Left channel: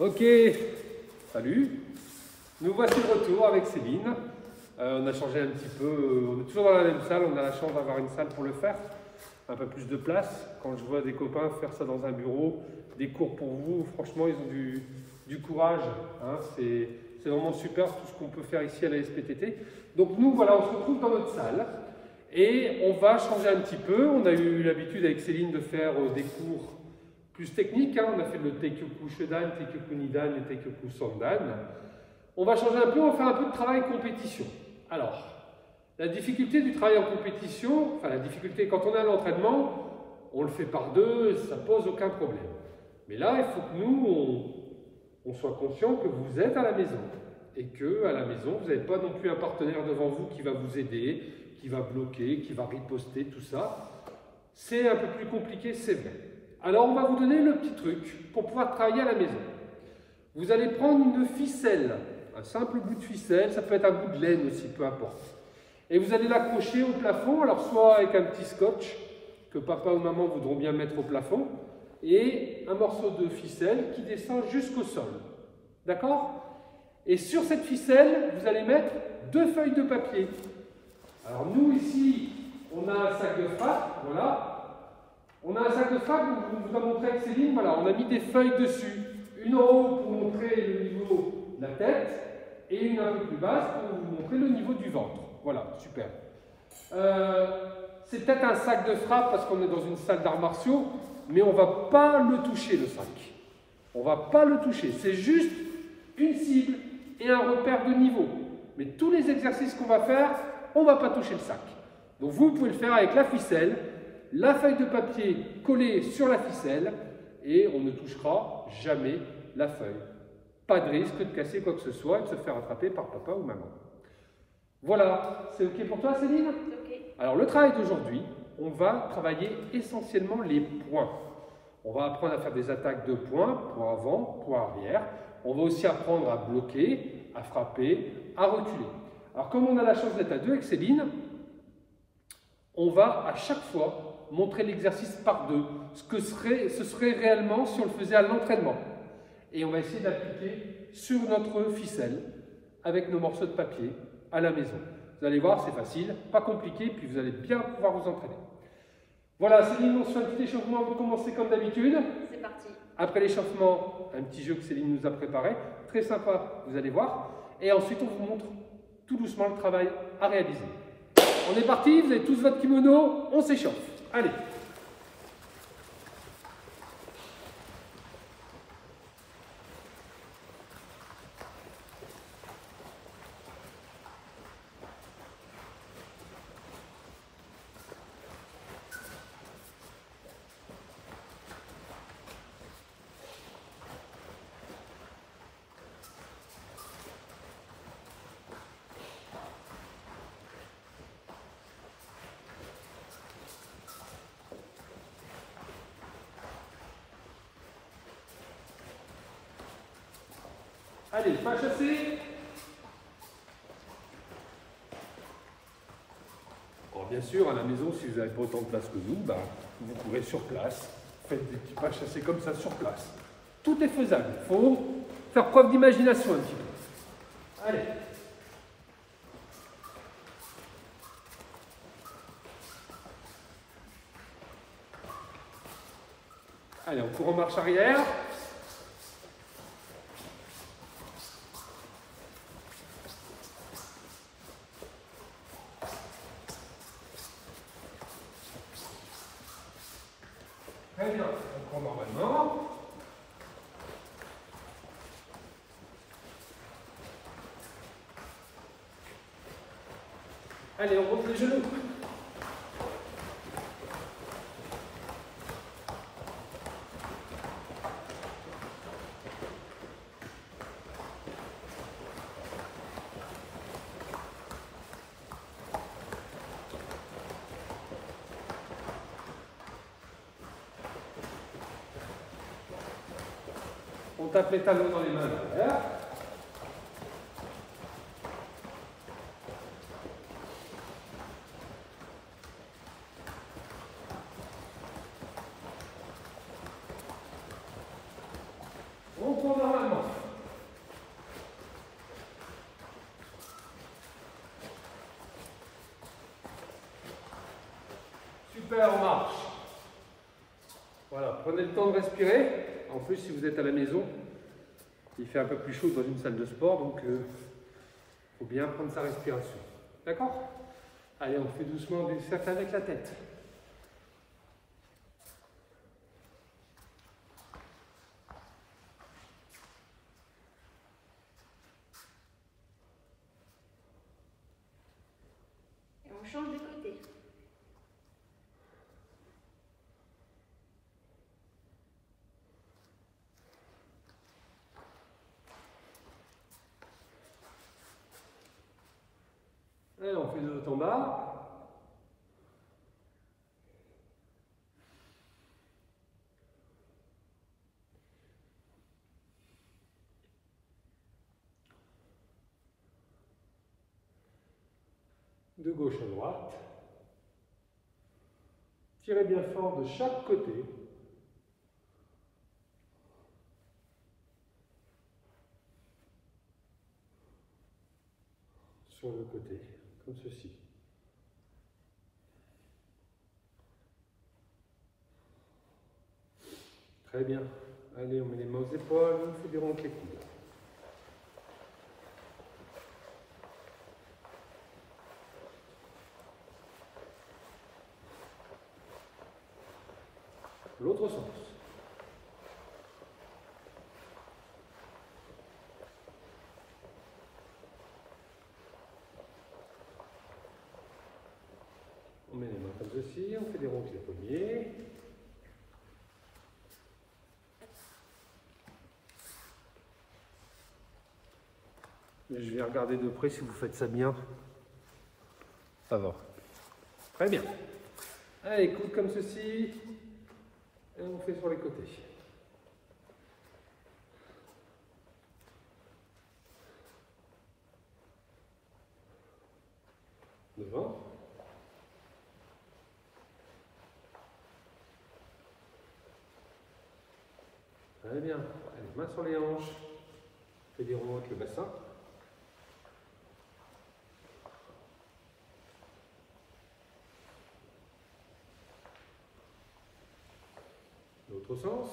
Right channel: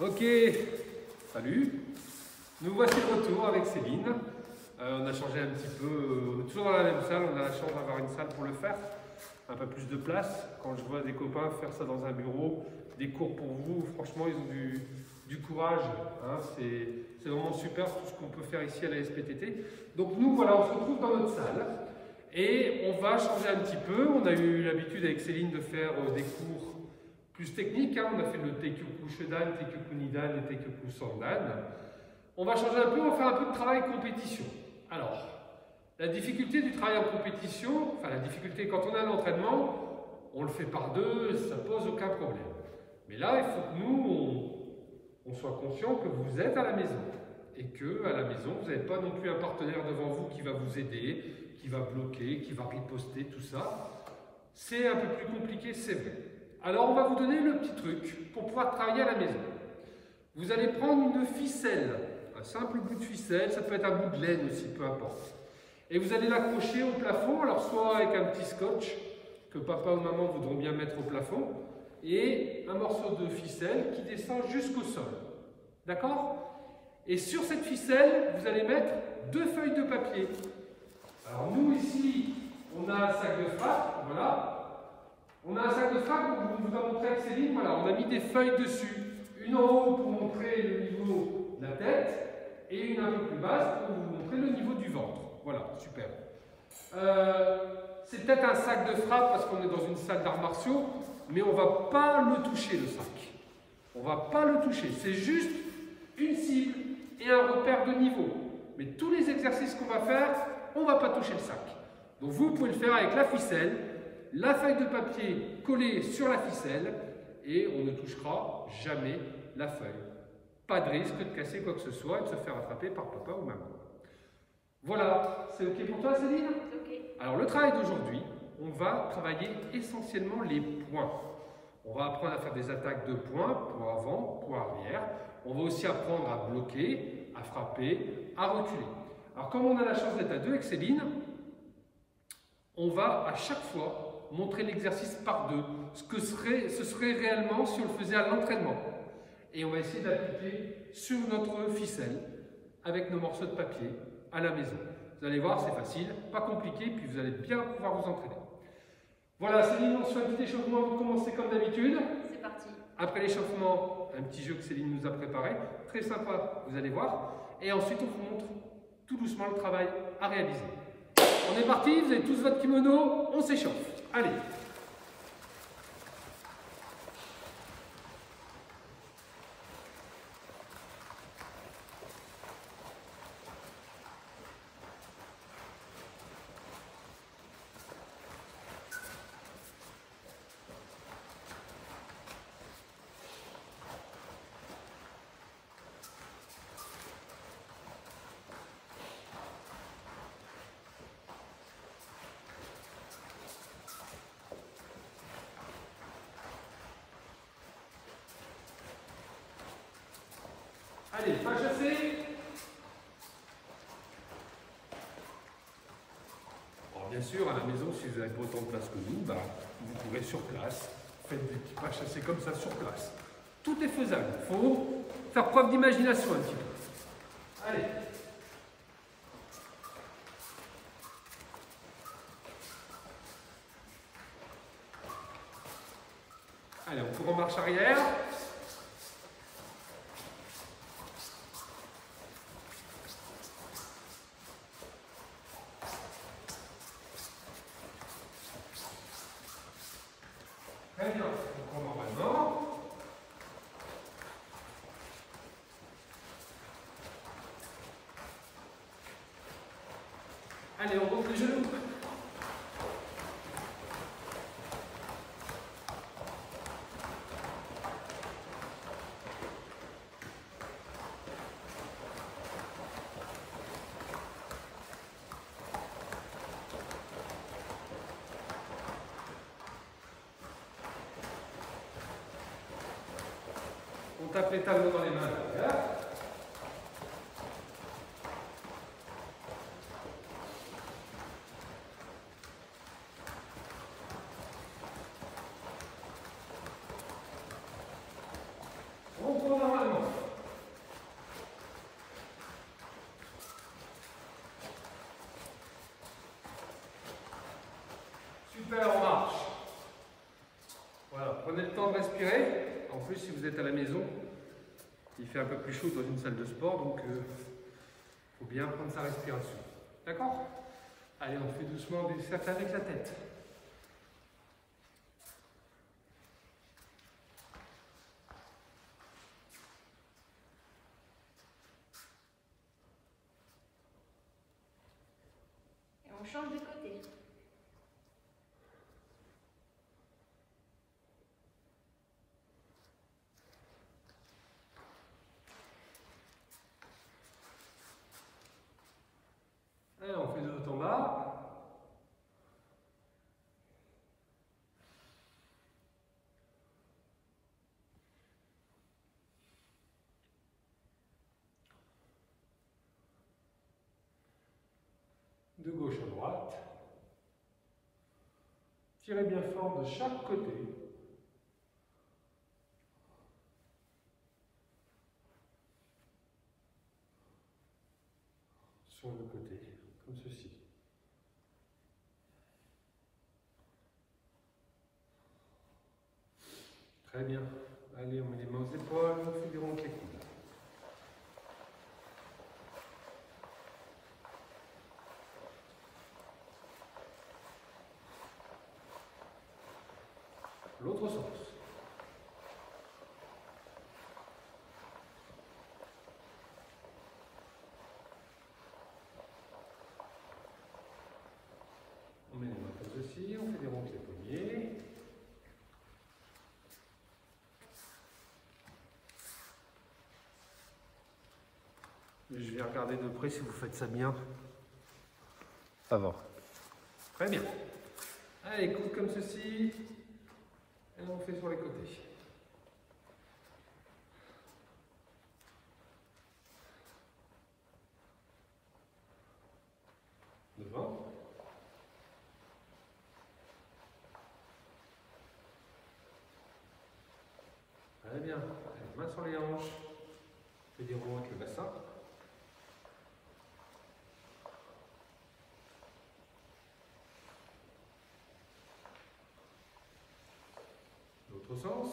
Ok, salut. Nous voici de retour avec Céline. On a changé un petit peu, on est toujours dans la même salle, on a la chance d'avoir une salle pour le faire. Un peu plus de place. Quand je vois des copains faire ça dans un bureau, des cours pour vous, franchement ils ont du courage. Hein. C'est vraiment super tout ce qu'on peut faire ici à la SPTT. Donc nous voilà, on se retrouve dans notre salle. Et on va changer un petit peu. On a eu l'habitude avec Céline de faire des cours plus techniques. Hein. On a fait le Teikyoku Shodan, Teikyoku Nidan et Teikyoku Sondan. On va changer un peu, on va faire un peu de travail compétition. Alors, la difficulté du travail en compétition, enfin la difficulté quand on est à l'entraînement, on le fait par deux, ça pose aucun problème. Mais là, il faut que nous, on soit conscient que vous êtes à la maison. Et que à la maison, vous n'avez pas non plus un partenaire devant vous qui va vous aider, qui va bloquer, qui va riposter, tout ça. C'est un peu plus compliqué, c'est vrai. Alors, on va vous donner le petit truc pour pouvoir travailler à la maison. Vous allez prendre une ficelle, un simple bout de ficelle, ça peut être un bout de laine aussi, peu importe. Et vous allez l'accrocher au plafond, alors soit avec un petit scotch que papa ou maman voudront bien mettre au plafond, et un morceau de ficelle qui descend jusqu'au sol. D'accord? Et sur cette ficelle, vous allez mettre 2 feuilles de papier. Alors nous ici, on a un sac de frappe, voilà. On a un sac de frappe, on vous a montré avec Céline, voilà, on a mis des feuilles dessus. Une en haut pour montrer le niveau de la tête, et une un peu plus basse pour vous montrer le niveau du ventre. Voilà, super. C'est peut-être un sac de frappe parce qu'on est dans une salle d'arts martiaux, mais on ne va pas le toucher, le sac. On ne va pas le toucher, c'est juste une cible et un repère de niveau. Mais tous les exercices qu'on va faire, on ne va pas toucher le sac. Donc vous pouvez le faire avec la ficelle, la feuille de papier collée sur la ficelle, et on ne touchera jamais la feuille. Pas de risque de casser quoi que ce soit et de se faire attraper par papa ou maman. Voilà, c'est ok pour toi Céline? Okay. Alors le travail d'aujourd'hui, on va travailler essentiellement les points. On va apprendre à faire des attaques de points, point avant, point arrière. On va aussi apprendre à bloquer, à frapper, à reculer. Alors comme on a la chance d'être à deux avec Céline, on va à chaque fois montrer l'exercice par deux, ce serait réellement si on le faisait à l'entraînement. Et on va essayer d'appliquer sur notre ficelle avec nos morceaux de papier à la maison. Vous allez voir, c'est facile, pas compliqué, puis vous allez bien pouvoir vous entraîner. Voilà, Céline, on se fait un petit échauffement avant de commencer comme d'habitude. C'est parti. Après l'échauffement, un petit jeu que Céline nous a préparé, très sympa, vous allez voir. Et ensuite, on vous montre tout doucement le travail à réaliser. On est parti, vous avez tous votre kimono, on s'échauffe. Allez. Allez, pas chasser. Alors bien sûr, à la maison, si vous n'avez pas autant de place que nous, vous courez sur place. Faites des petits pas chassés comme ça sur place. Tout est faisable. Il faut faire preuve d'imagination un petit peu. Allez. Allez, on court en marche arrière. Très bien, on court normalement. Allez, on monte les genoux. On tape les talons dans les mains derrière. On tourne normalement. Allez, on marche. Voilà, prenez le temps de respirer. En plus, si vous êtes à la maison, il fait un peu plus chaud dans une salle de sport, donc il faut bien prendre sa respiration. D'accord? Allez, on fait doucement des cercles avec la tête. Et on change de côté. Allez, on fait de haut en bas. De gauche à droite. Tirez bien fort de chaque côté. Sur le côté, comme ceci. Très bien. Allez, on met les mains aux épaules, on fait des ronds avec les coudes. L'autre sens. On met les mains comme ceci, on fait des ronds avec les poignets. Je vais regarder de près si vous faites ça bien. Ça va. Très bien. Allez, coude comme ceci. Et on fait sur les côtés. Devant. Très bien. Allez, main sur les hanches. Fais des ronds avec le bassin. L'autre sens.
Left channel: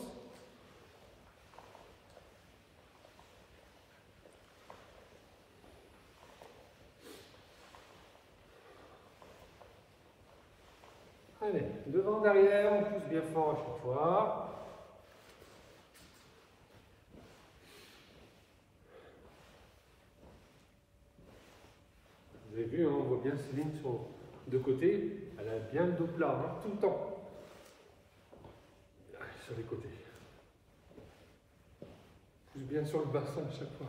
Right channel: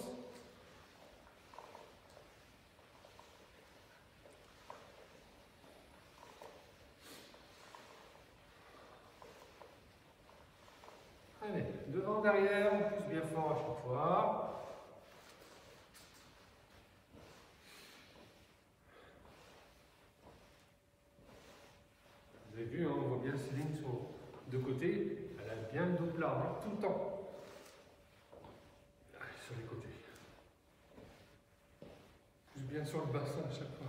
Allez, devant, derrière, on pousse bien fort à chaque fois. Vous avez vu, hein, on voit bien Céline sur deux côtés. Elle a bien le dos plat, hein, tout le temps. Allez, sur les côtés. Pousse bien sur le bassin à chaque fois.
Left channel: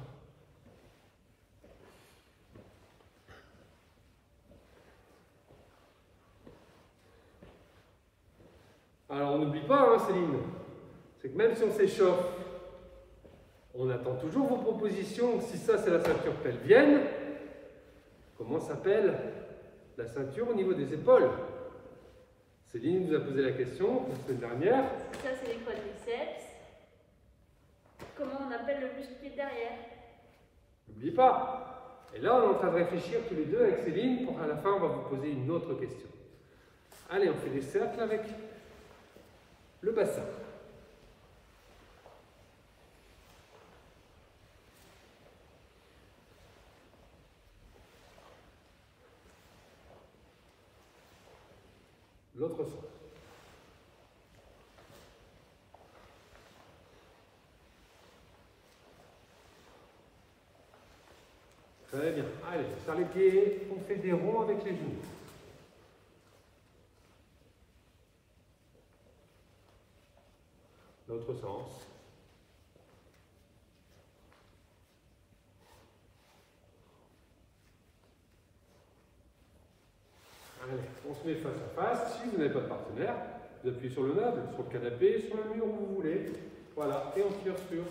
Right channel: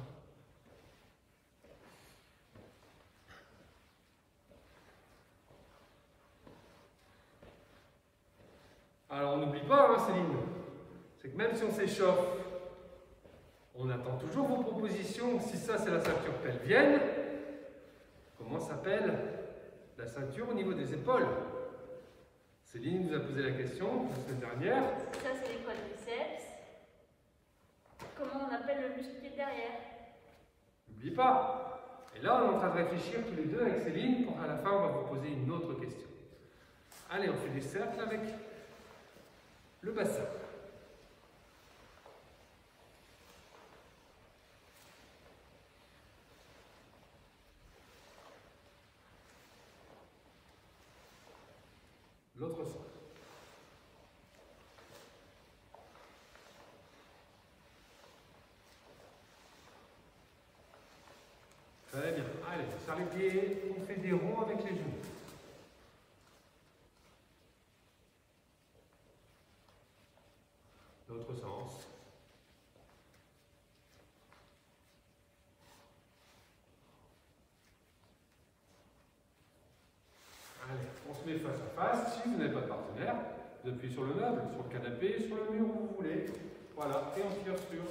Alors on n'oublie pas, hein, Céline, c'est que même si on s'échauffe, on attend toujours vos propositions. Si ça c'est la ceinture pelvienne, comment s'appelle la ceinture au niveau des épaules? Céline nous a posé la question la semaine dernière. Ça c'est les quadriceps. Comment on appelle le muscle qui est derrière? N'oublie pas. Et là on est en train de réfléchir tous les deux avec Céline pour à la fin on va vous poser une autre question. Allez, on fait des cercles avec le bassin. L'autre sens. Très bien. Allez, on serre les pieds, on fait des ronds avec les genoux. L'autre sens. Allez, on se met face à face. Si vous n'avez pas de partenaire, vous appuyez sur le meuble, sur le canapé, sur le mur où vous voulez. Voilà, et on tire sur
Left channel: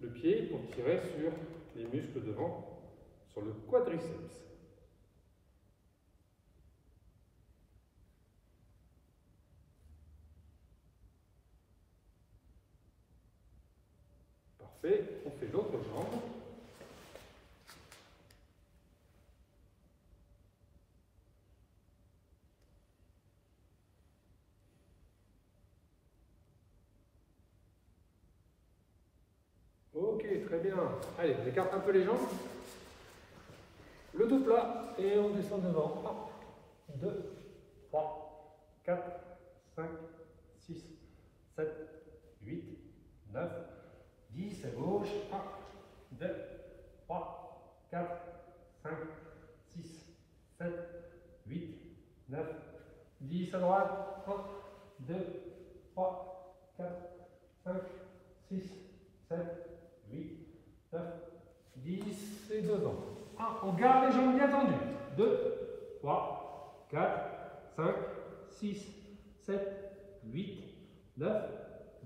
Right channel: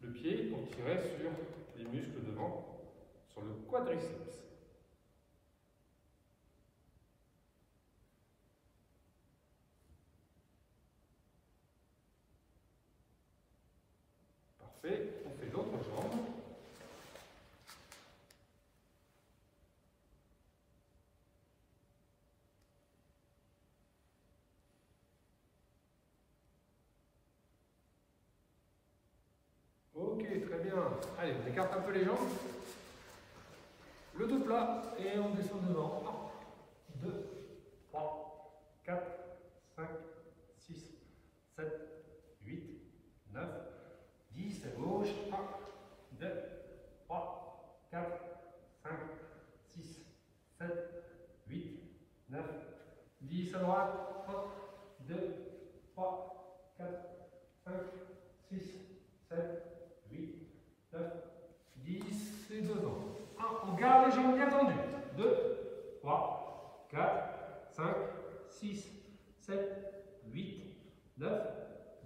le pied pour tirer sur les muscles devant, sur le quadriceps. Parfait, on fait l'autre jambe. Ok, très bien. Allez, on écarte un peu les jambes. Le dos plat et on descend devant. 1, 2, 3, 4, 5, 6, 7, 8, 9, 10 à gauche. 1, 2, 3, 4, 5, 6, 7, 8, 9, 10 à droite. 1, 2, 3, 4, 5, 6, 7, 8, 9, 10 et devant. 1, on garde les jambes bien tendues. 2, 3, 4, 5, 6, 7, 8, 9,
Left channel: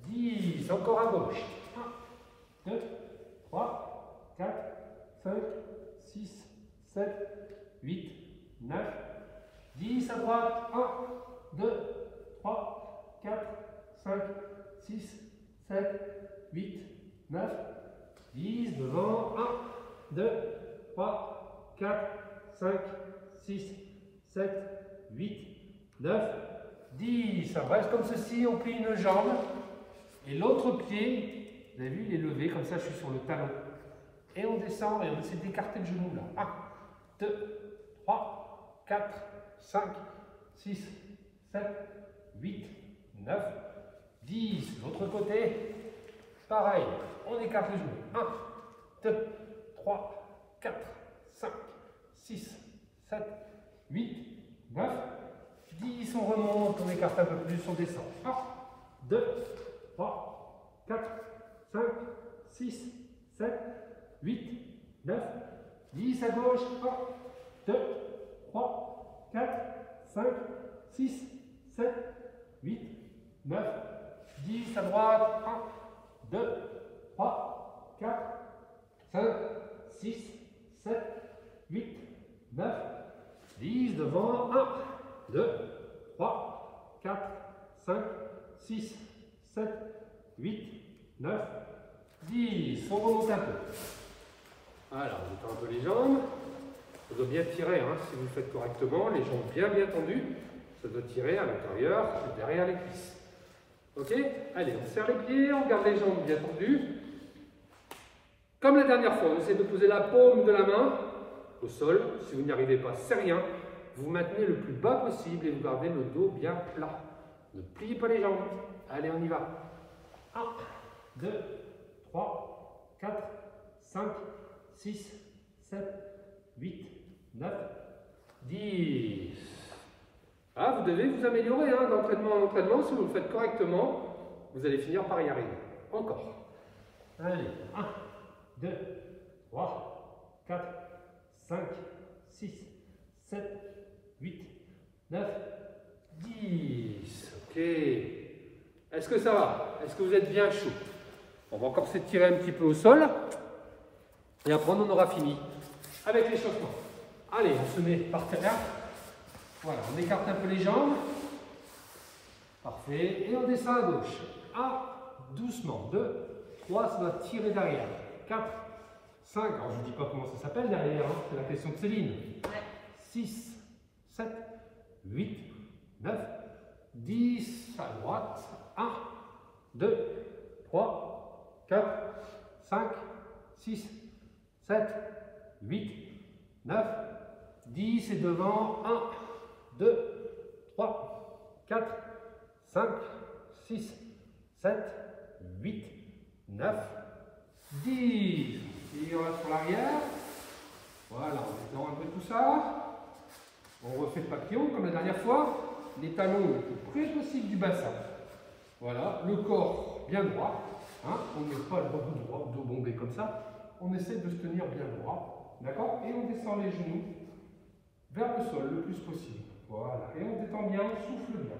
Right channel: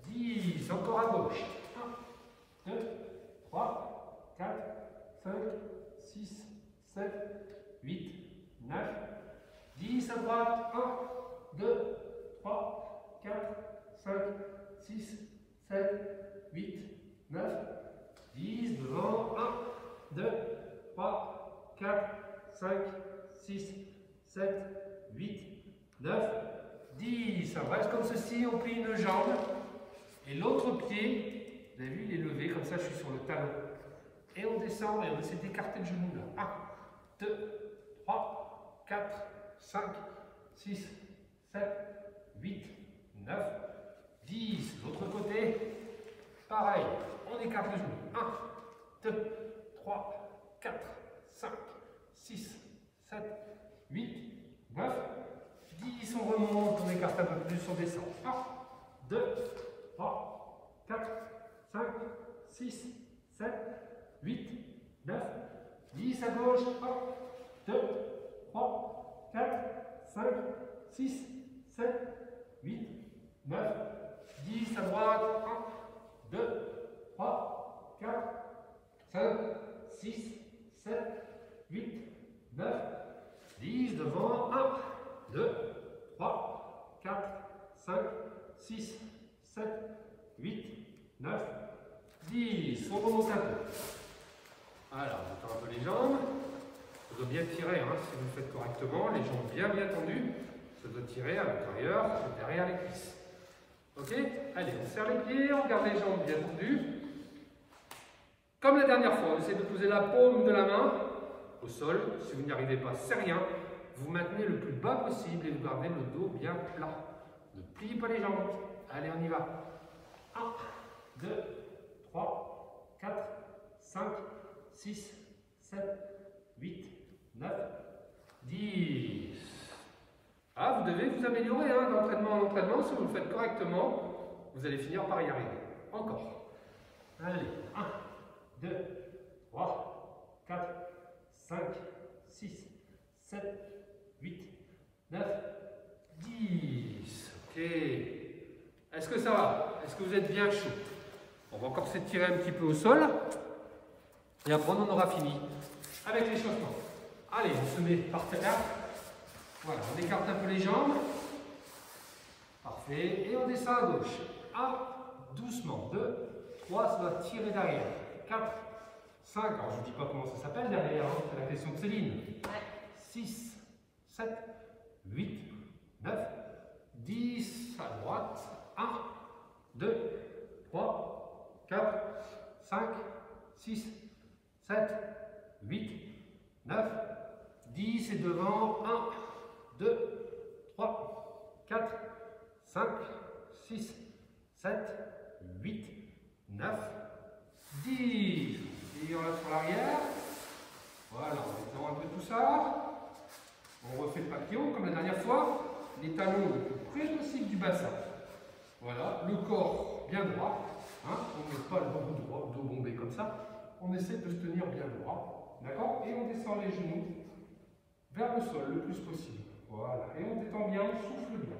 10. Encore à gauche. 1, 2, 3, 4, 5, 6, 7, 8, 9, 10 à droite. 1, 2, 3, 4, 5, 6, 7, 8, 9, 10 devant. 1, 2, 3, 4, 5, 6, 7, 8, 9, 10. On reste comme ceci, on plie une jambe. Et l'autre pied, vous avez vu, il est levé, comme ça je suis sur le talon. Et on descend et on essaie d'écarter le genou là. 1, 2, 3, 4, 5, 6, 7, 8, 9, 10. L'autre côté, pareil, on écarte le genou. 1, 2, 3, 4, 5, 6, 7, 8, 9, 10. On remonte, on écarte un peu plus, on descend. 1, 2, 3, 4, 5, 6, 7, 8, 9, 10 à gauche. 1, 2, 3, 4, 5, 6, 7, 8, 9, 10 à droite. 1, 2, 3, 4, 5, 6, 7, 8, 9, 10 devant. 1, 2, 3, 4, 5, 6, 7, 8, 9, 10. On remonte un peu. Voilà, on détend un peu les jambes. Ça doit bien tirer, hein, si vous le faites correctement. Les jambes bien tendues. Ça doit tirer à l'intérieur, derrière les cuisses. Ok? Allez, on serre les pieds, on garde les jambes bien tendues. Comme la dernière fois, on essaie de poser la paume de la main au sol. Si vous n'y arrivez pas, c'est rien. Vous maintenez le plus bas possible et vous gardez le dos bien plat. Ne pliez pas les jambes. Allez, on y va. 1, 2, 3, 4, 5, 6, 7, 8, 9, 10. Ah, vous devez vous améliorer hein, d'entraînement en entraînement. Si vous le faites correctement, vous allez finir par y arriver. Encore. Allez, 1, 2, 3, 4, 5, 6, 7, 8, 9, 10. Ok. Est-ce que ça va? Est-ce que vous êtes bien chaud? On va encore s'étirer un petit peu au sol. Et après, on aura fini avec l'échauffement. Allez, on se met par terre. Voilà, on écarte un peu les jambes. Parfait. Et on descend à gauche. 1, doucement. 2, 3, ça va tirer derrière. 4, 5, alors je ne dis pas comment ça s'appelle derrière, hein, c'est la question de Céline. 6, 7, 8, 9, 10, à droite. 1, 2, 3, 4, 5, 6, 7, 8, 9, 10 et devant. 1, 2, 3, 4, 5, 6, 7, 8, 9, 10. Et on reste sur l'arrière. Voilà, on détend un peu tout ça. On refait le papillon comme la dernière fois. Les talons le plus près possible du bassin. Voilà, le corps bien droit. Hein, on ne met pas le dos droit, le dos bombé comme ça. On essaie de se tenir bien droit. D'accord? Et on descend les genoux vers le sol le plus possible. Voilà, et on détend bien, on souffle bien.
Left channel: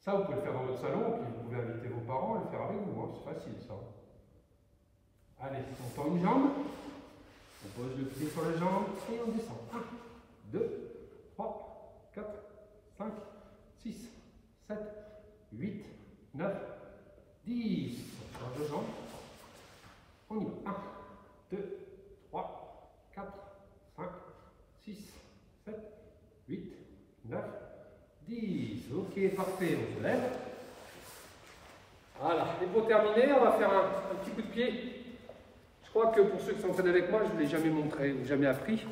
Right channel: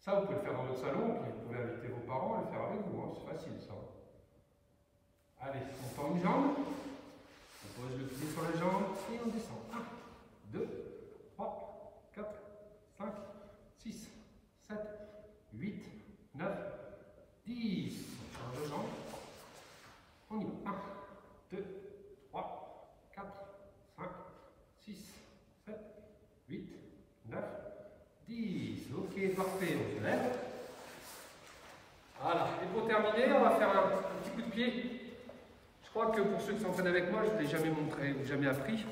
Ça, vous pouvez le faire dans votre salon, puis vous pouvez inviter vos parents à le faire avec vous. Hein. C'est facile, ça. Allez, on tend une jambe. On pose le pied sur la jambe et on descend. 1, 2, 3, 4, 5, 6, 7, 8, 9, 10. On change de jambe. On y va. 1, 2, 3, 4, 5, 6, 7, 8, 9, 10. Ok, parfait. On se lève. Voilà. Et pour terminer, on va faire un petit coup de pied. Je crois que pour ceux qui s'entraînent avec moi, je ne vous l'ai jamais montré ou jamais appris.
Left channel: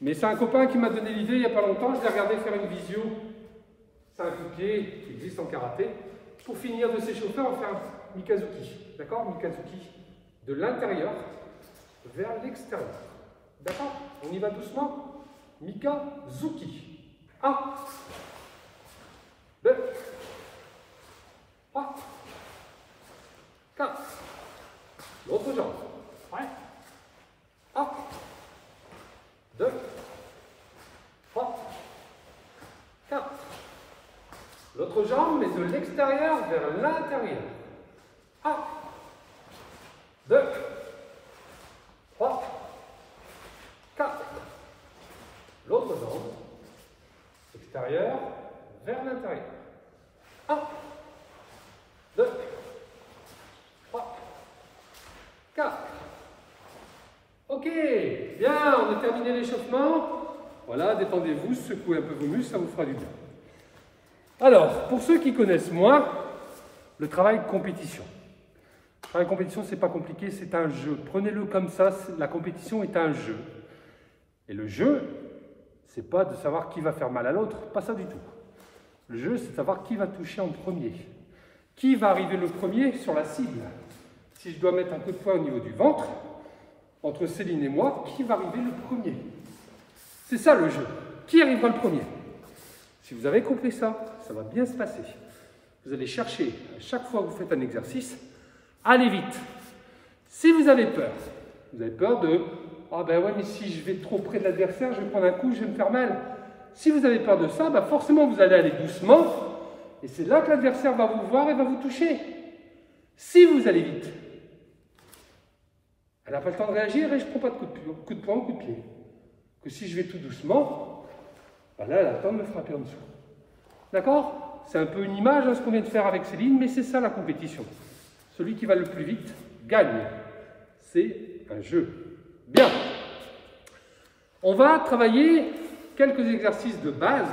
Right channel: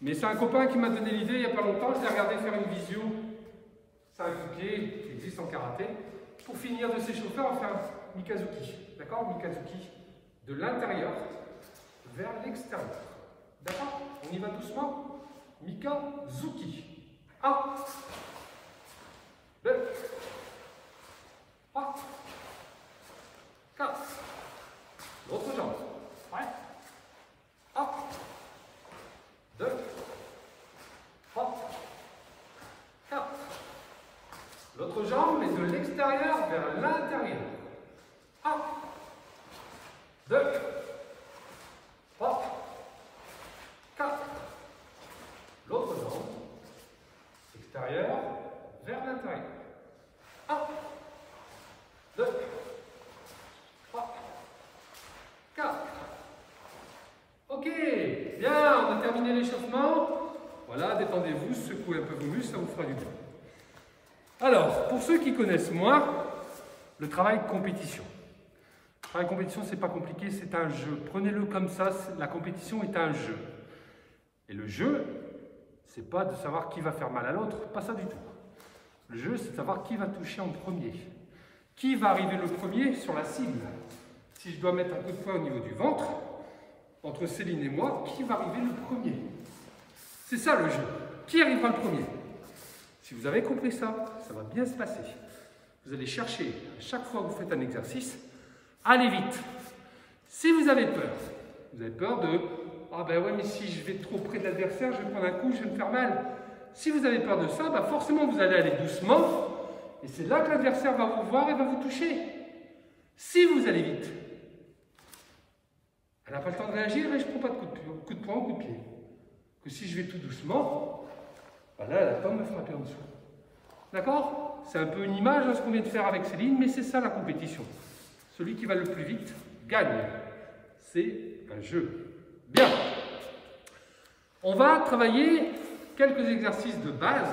Mais c'est un copain qui m'a donné l'idée il n'y a pas longtemps. Je l'ai regardé faire une visio. C'est un coup de pied qui existe en karaté. Pour finir de s'échauffer, on va faire un mikazuki. D'accord? Mikazuki de l'intérieur vers l'extérieur. D'accord? On y va doucement. Mikazuki. 1, 2, 3, 4. L'autre jambe. Ouais. 1, 2, 3, 4. L'autre jambe, mais de l'extérieur vers l'intérieur. 1, 2, 3, 4. L'autre jambe, extérieur vers l'intérieur. 1, 2, 3, 4. Ok, bien, on a terminé l'échauffement. Voilà, détendez-vous, secouez un peu vos muscles, ça vous fera du bien. Alors, pour ceux qui connaissent moins, le travail compétition. Le travail compétition, c'est pas compliqué, c'est un jeu. Prenez-le comme ça, la compétition est un jeu. Et le jeu, c'est pas de savoir qui va faire mal à l'autre, pas ça du tout. Le jeu, c'est de savoir qui va toucher en premier. Qui va arriver le premier sur la cible. Si je dois mettre un coup de poing au niveau du ventre, entre Céline et moi, qui va arriver le premier? C'est ça le jeu. Qui arrivera le premier? Si vous avez compris ça, ça va bien se passer. Vous allez chercher, à chaque fois que vous faites un exercice, allez vite. Si vous avez peur de « Ah ben ouais, mais si je vais trop près de l'adversaire, je vais prendre un coup, je vais me faire mal. » Si vous avez peur de ça, ben forcément vous allez aller doucement, et c'est là que l'adversaire va vous voir et va vous toucher. Si vous allez vite, elle n'a pas le temps de réagir et je ne prends pas de coup de poing ou coup de pied. Que si je vais tout doucement, ben là, elle a le temps de me frapper en dessous. D'accord? C'est un peu une image de ce qu'on vient de faire avec Céline, mais c'est ça la compétition. Celui qui va le plus vite gagne. C'est un jeu. Bien. On va travailler quelques exercices de base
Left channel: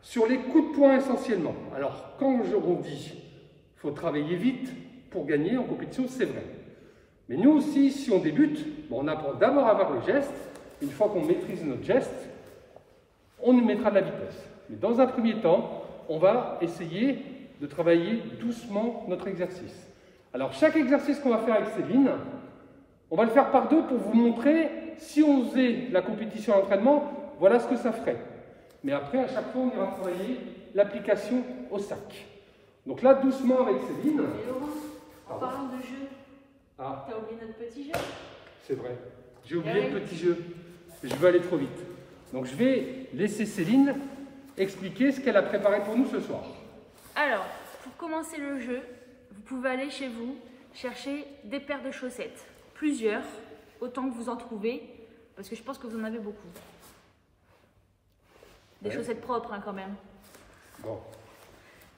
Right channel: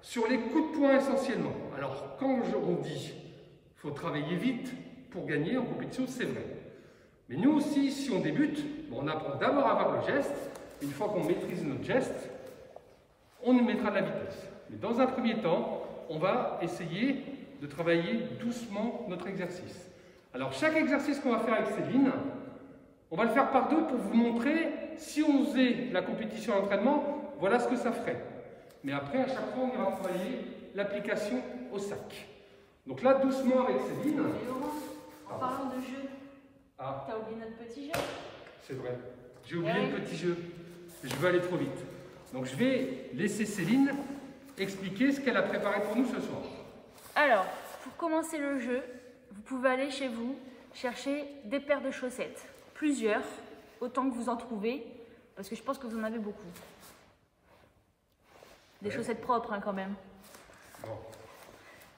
sur les coups de poing essentiellement. Alors, quand on dit qu'il faut travailler vite pour gagner en compétition, c'est vrai. Mais nous aussi, si on débute, bon, on apprend d'abord à avoir le geste. Une fois qu'on maîtrise notre geste, on mettra de la vitesse. Mais dans un premier temps, on va essayer de travailler doucement notre exercice. Alors, chaque exercice qu'on va faire avec Céline, on va le faire par deux pour vous montrer, si on faisait la compétition à l'entraînement, voilà ce que ça ferait. Mais après, à chaque fois, on ira travailler l'application au sac. Donc là, doucement avec Céline. Et Laurent, en parlant de jeu, t'as oublié notre petit jeu? C'est vrai. J'ai oublié le petit jeu. Je veux aller trop vite. Donc je vais laisser Céline expliquer ce qu'elle a préparé pour nous ce soir. Alors, pour commencer le jeu, vous pouvez aller chez vous chercher des paires de chaussettes. Plusieurs, autant que vous en trouvez, parce que je pense que vous en avez beaucoup. Des chaussettes propres, hein, quand même. Bon,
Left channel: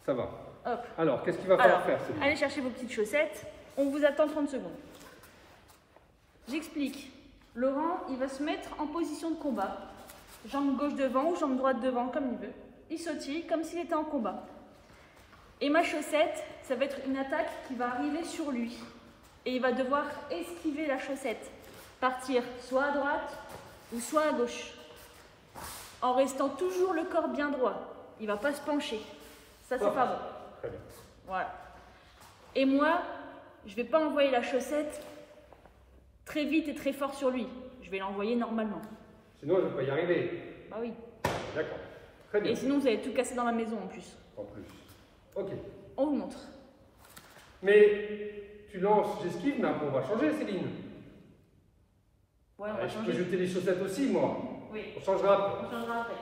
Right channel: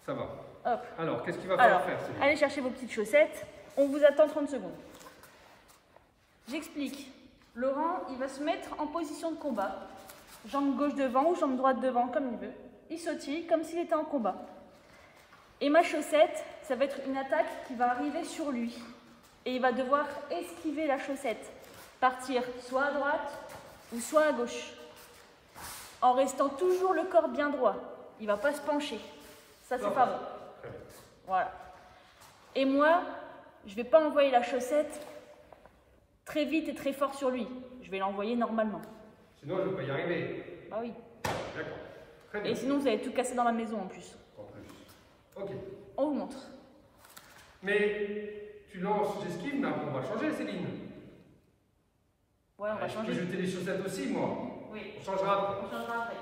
ça va. Hop. Alors, qu'est-ce qu'il va falloir faire, Céline? Allez chercher vos petites chaussettes. On vous attend 30 secondes. J'explique. Laurent, il va se mettre en position de combat. Jambe gauche devant ou jambe droite devant, comme il veut. Il sautille comme s'il était en combat. Et ma chaussette, ça va être une attaque qui va arriver sur lui. Et il va devoir esquiver la chaussette. Partir soit à droite ou soit à gauche. En restant toujours le corps bien droit. Il ne va pas se pencher. Ça, c'est pas bon. Très bien. Voilà. Et moi, je ne vais pas envoyer la chaussette très vite et très fort sur lui. Je vais l'envoyer normalement. Sinon, je ne vais pas y arriver. Ah oui. D'accord. Très bien. Et sinon, vous allez tout casser dans la maison en plus. En plus. Ok. On vous montre. Mais tu lances, j'esquive, mais après on va changer, Céline. Ouais, on va Je changer. peux jeter les chaussettes aussi, moi. Oui. On changera après. On changera après.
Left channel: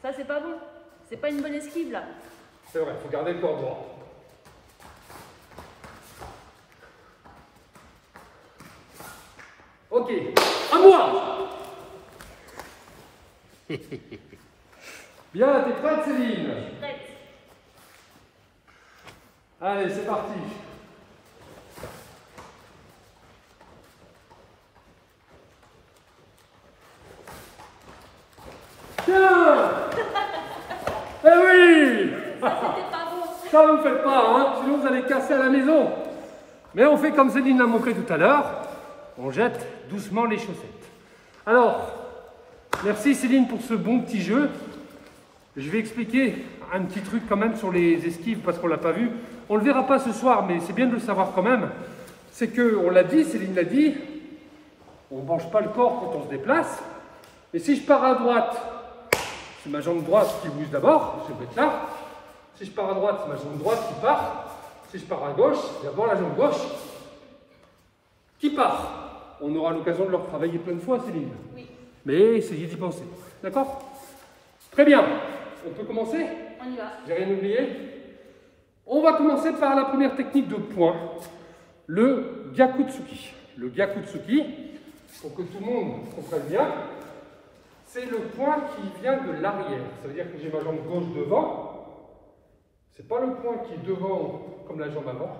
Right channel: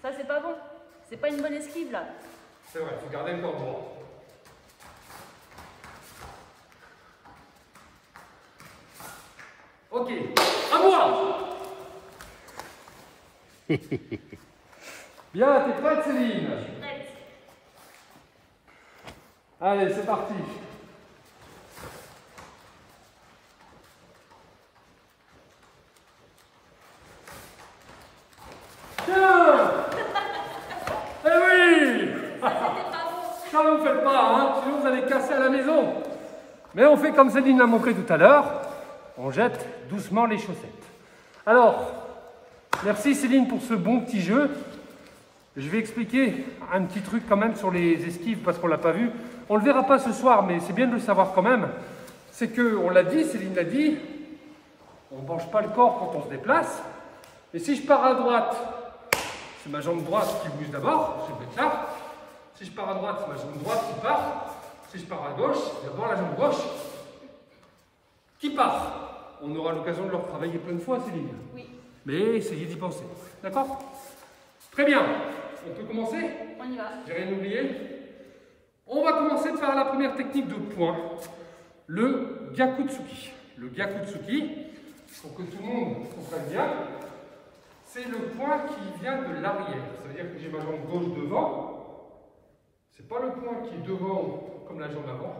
Ça, c'est pas bon. C'est pas une bonne esquive, là. C'est vrai, il faut garder le corps droit. Ok, à moi. Bien, t'es prête, Céline? Je suis prête. Allez, c'est parti. Ça, vous ne faites pas, hein, sinon vous allez casser à la maison. Mais on fait comme Céline l'a montré tout à l'heure. On jette doucement les chaussettes. Alors, merci Céline pour ce bon petit jeu. Je vais expliquer un petit truc quand même sur les esquives parce qu'on ne l'a pas vu. On ne le verra pas ce soir, mais c'est bien de le savoir quand même. C'est qu'on l'a dit, Céline l'a dit, on ne penche pas le corps quand on se déplace. Et si je pars à droite, c'est ma jambe droite qui bouge d'abord, je vais être là. Si je pars à droite, c'est ma jambe droite qui part. Si je pars à gauche, c'est d'abord la jambe gauche qui part. On aura l'occasion de le retravailler plein de fois, Céline. Oui. Mais essayez d'y penser. D'accord? Très bien. On peut commencer? On y va. J'ai rien oublié? On va commencer par la première technique de point, le Gyakutsuki. Le Gyakutsuki, pour que tout le monde comprenne bien, c'est le point qui vient de l'arrière. Ça veut dire que j'ai ma jambe gauche devant. Ce n'est pas le point qui est devant comme la jambe avant,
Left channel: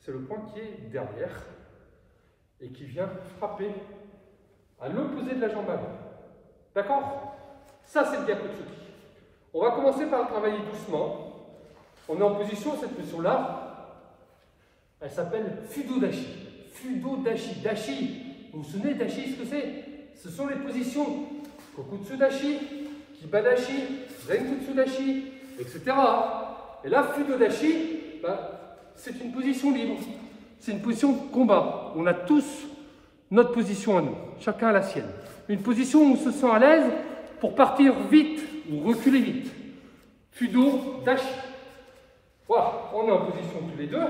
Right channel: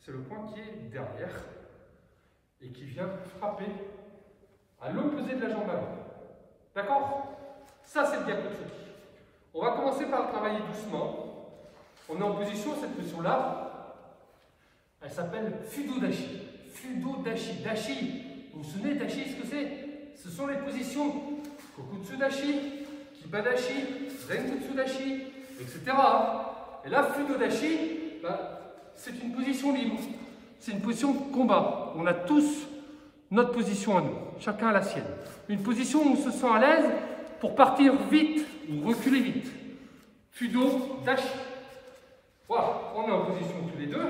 c'est le point qui est derrière et qui vient frapper à l'opposé de la jambe avant. D'accord? Ça, c'est le Gyakutsuki. On va commencer par le travailler doucement. On est en position, cette position-là, elle s'appelle Fudo Dashi. Fudo Dashi. Dashi, vous vous souvenez Dashi, ce que c'est? Ce sont les positions Kokutsu Dashi, Kiba Dashi, Zenkutsu Dashi, etc. Et là, Fudo Dashi, c'est une position libre. C'est une position de combat. On a tous notre position à nous. Chacun a la sienne. Une position où on se sent à l'aise pour partir vite ou reculer vite. Fudo Dashi. Voilà, on est en position tous les deux.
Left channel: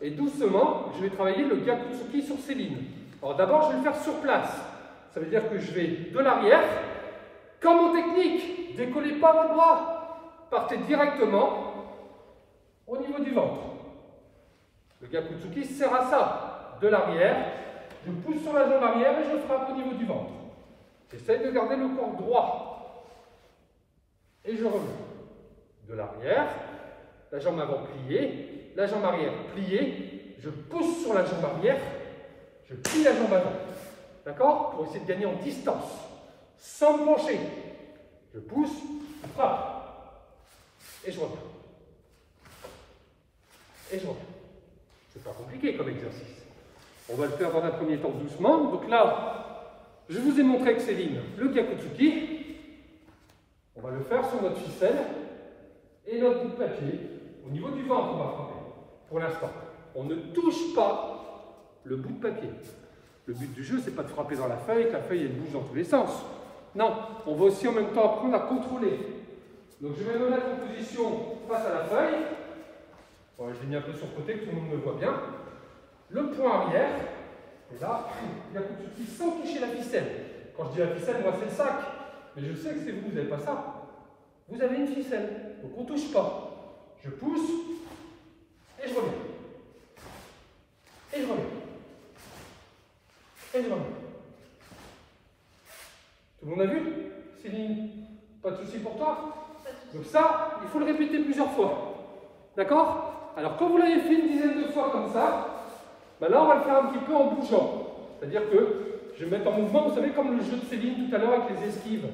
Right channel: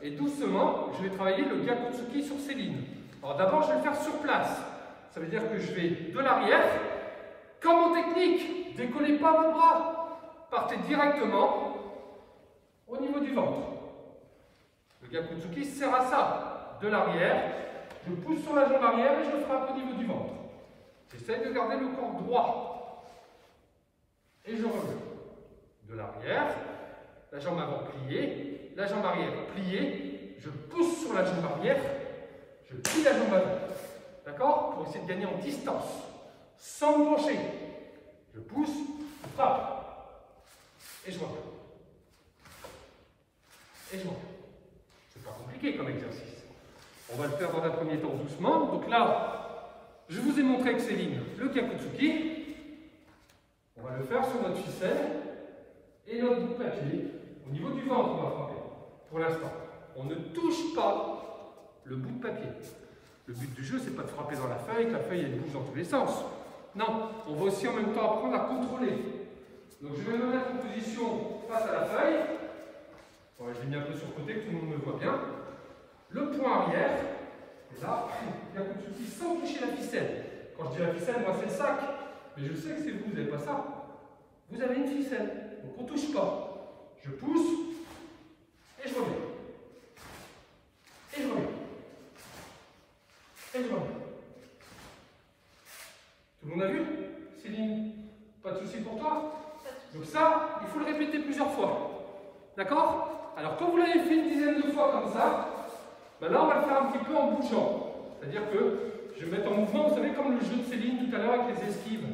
Et doucement, je vais travailler le Gyakutsuki sur Céline. Alors d'abord, je vais le faire sur place. Ça veut dire que je vais de l'arrière. Comme en technique, décollez pas votre bras. Partez directement au niveau du ventre. Le Gyakutsuki sert à ça. De l'arrière, je pousse sur la jambe arrière et je frappe au niveau du ventre. J'essaye de garder le corps droit. Et je reviens. De l'arrière, la jambe avant pliée, la jambe arrière pliée, je pousse sur la jambe arrière, je plie la jambe avant. D'accord? Pour essayer de gagner en distance, sans me pencher. Je pousse, je frappe. Et je reviens. Et je reviens. C'est pas compliqué comme exercice. On va le faire dans un premier temps doucement. Donc là, je vous ai montré avec Céline le Gyakutsuki. On va le faire sur notre ficelle et notre bout de papier. Au niveau du ventre, on va frapper. Pour l'instant, on ne touche pas le bout de papier. Le but du jeu, c'est pas de frapper dans la feuille, que la feuille elle bouge dans tous les sens. Non, on va aussi en même temps apprendre à contrôler. Donc je vais me mettre en position face à la feuille. Bon, je l'ai mis un peu sur le côté, que tout le monde me voit bien. Le point arrière, et là, Gyakutsuki sans toucher la ficelle. Quand je dis la ficelle, moi c'est le sac. Mais je sais que c'est vous, vous n'avez pas ça. Vous avez une ficelle, donc on ne touche pas. Je pousse, et je reviens. Et je reviens. Et je reviens. Tout le monde a vu? Céline, pas de souci pour toi? Donc ça, il faut le répéter plusieurs fois. D'accord? Alors quand vous l'avez fait une dizaine de fois comme ça, là on va le faire un petit peu en bougeant. C'est-à-dire que je vais mettre en mouvement, vous savez, comme le jeu de Céline tout à l'heure avec les esquives.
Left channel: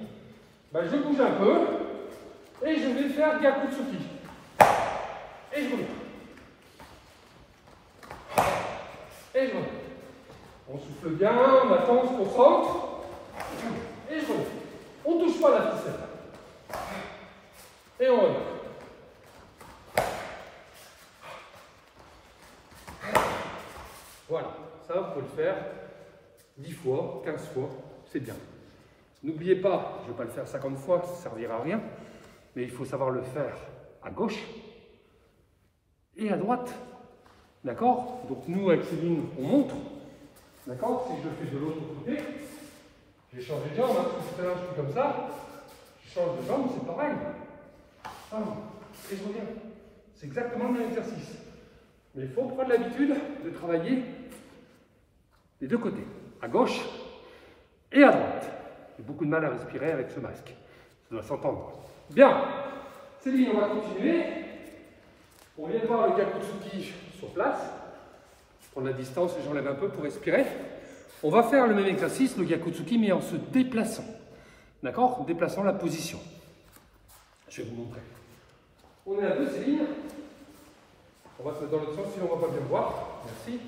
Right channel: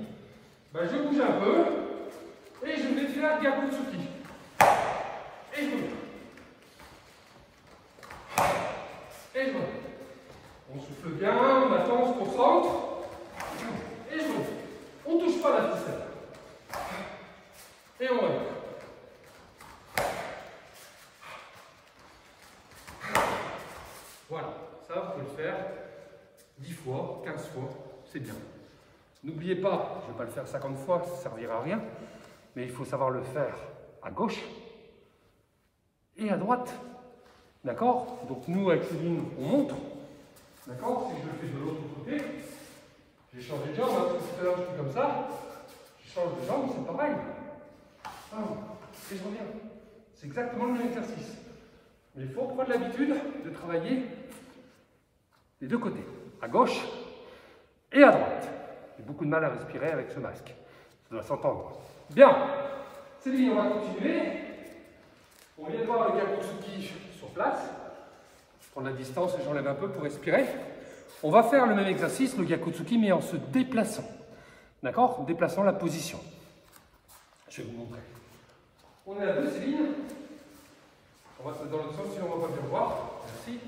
Je bouge un peu et je vais faire Gyakutsuki. Et je reviens. Et je reviens. On souffle bien, on attend, on se concentre. Et je reviens. On ne touche pas la ficelle. Et on revient. Voilà, ça vous pouvez le faire 10 fois, 15 fois, c'est bien. N'oubliez pas, je ne vais pas le faire 50 fois, ça ne servira à rien, mais il faut savoir le faire à gauche et à droite. D'accord? Donc nous, avec Céline, on montre. D'accord? Si je le fais de l'autre côté, je vais changer de jambe, hein, parce que tout à l'heure je suis comme ça, je change de jambe, c'est pareil. Et je reviens. C'est exactement le même exercice. Mais il faut prendre l'habitude de travailler les deux côtés, à gauche et à droite. J'ai beaucoup de mal à respirer avec ce masque. Ça doit s'entendre. Bien. Céline, on va continuer. On vient de voir le Gyakutsuki sur place. Prendre la distance, j'enlève un peu pour respirer. On va faire le même exercice, le Gyakutsuki, mais en se déplaçant. D'accord? En déplaçant la position. Je vais vous montrer. On est à deux, Céline. On va se mettre dans l'autre sens, sinon on ne va pas bien voir. Merci.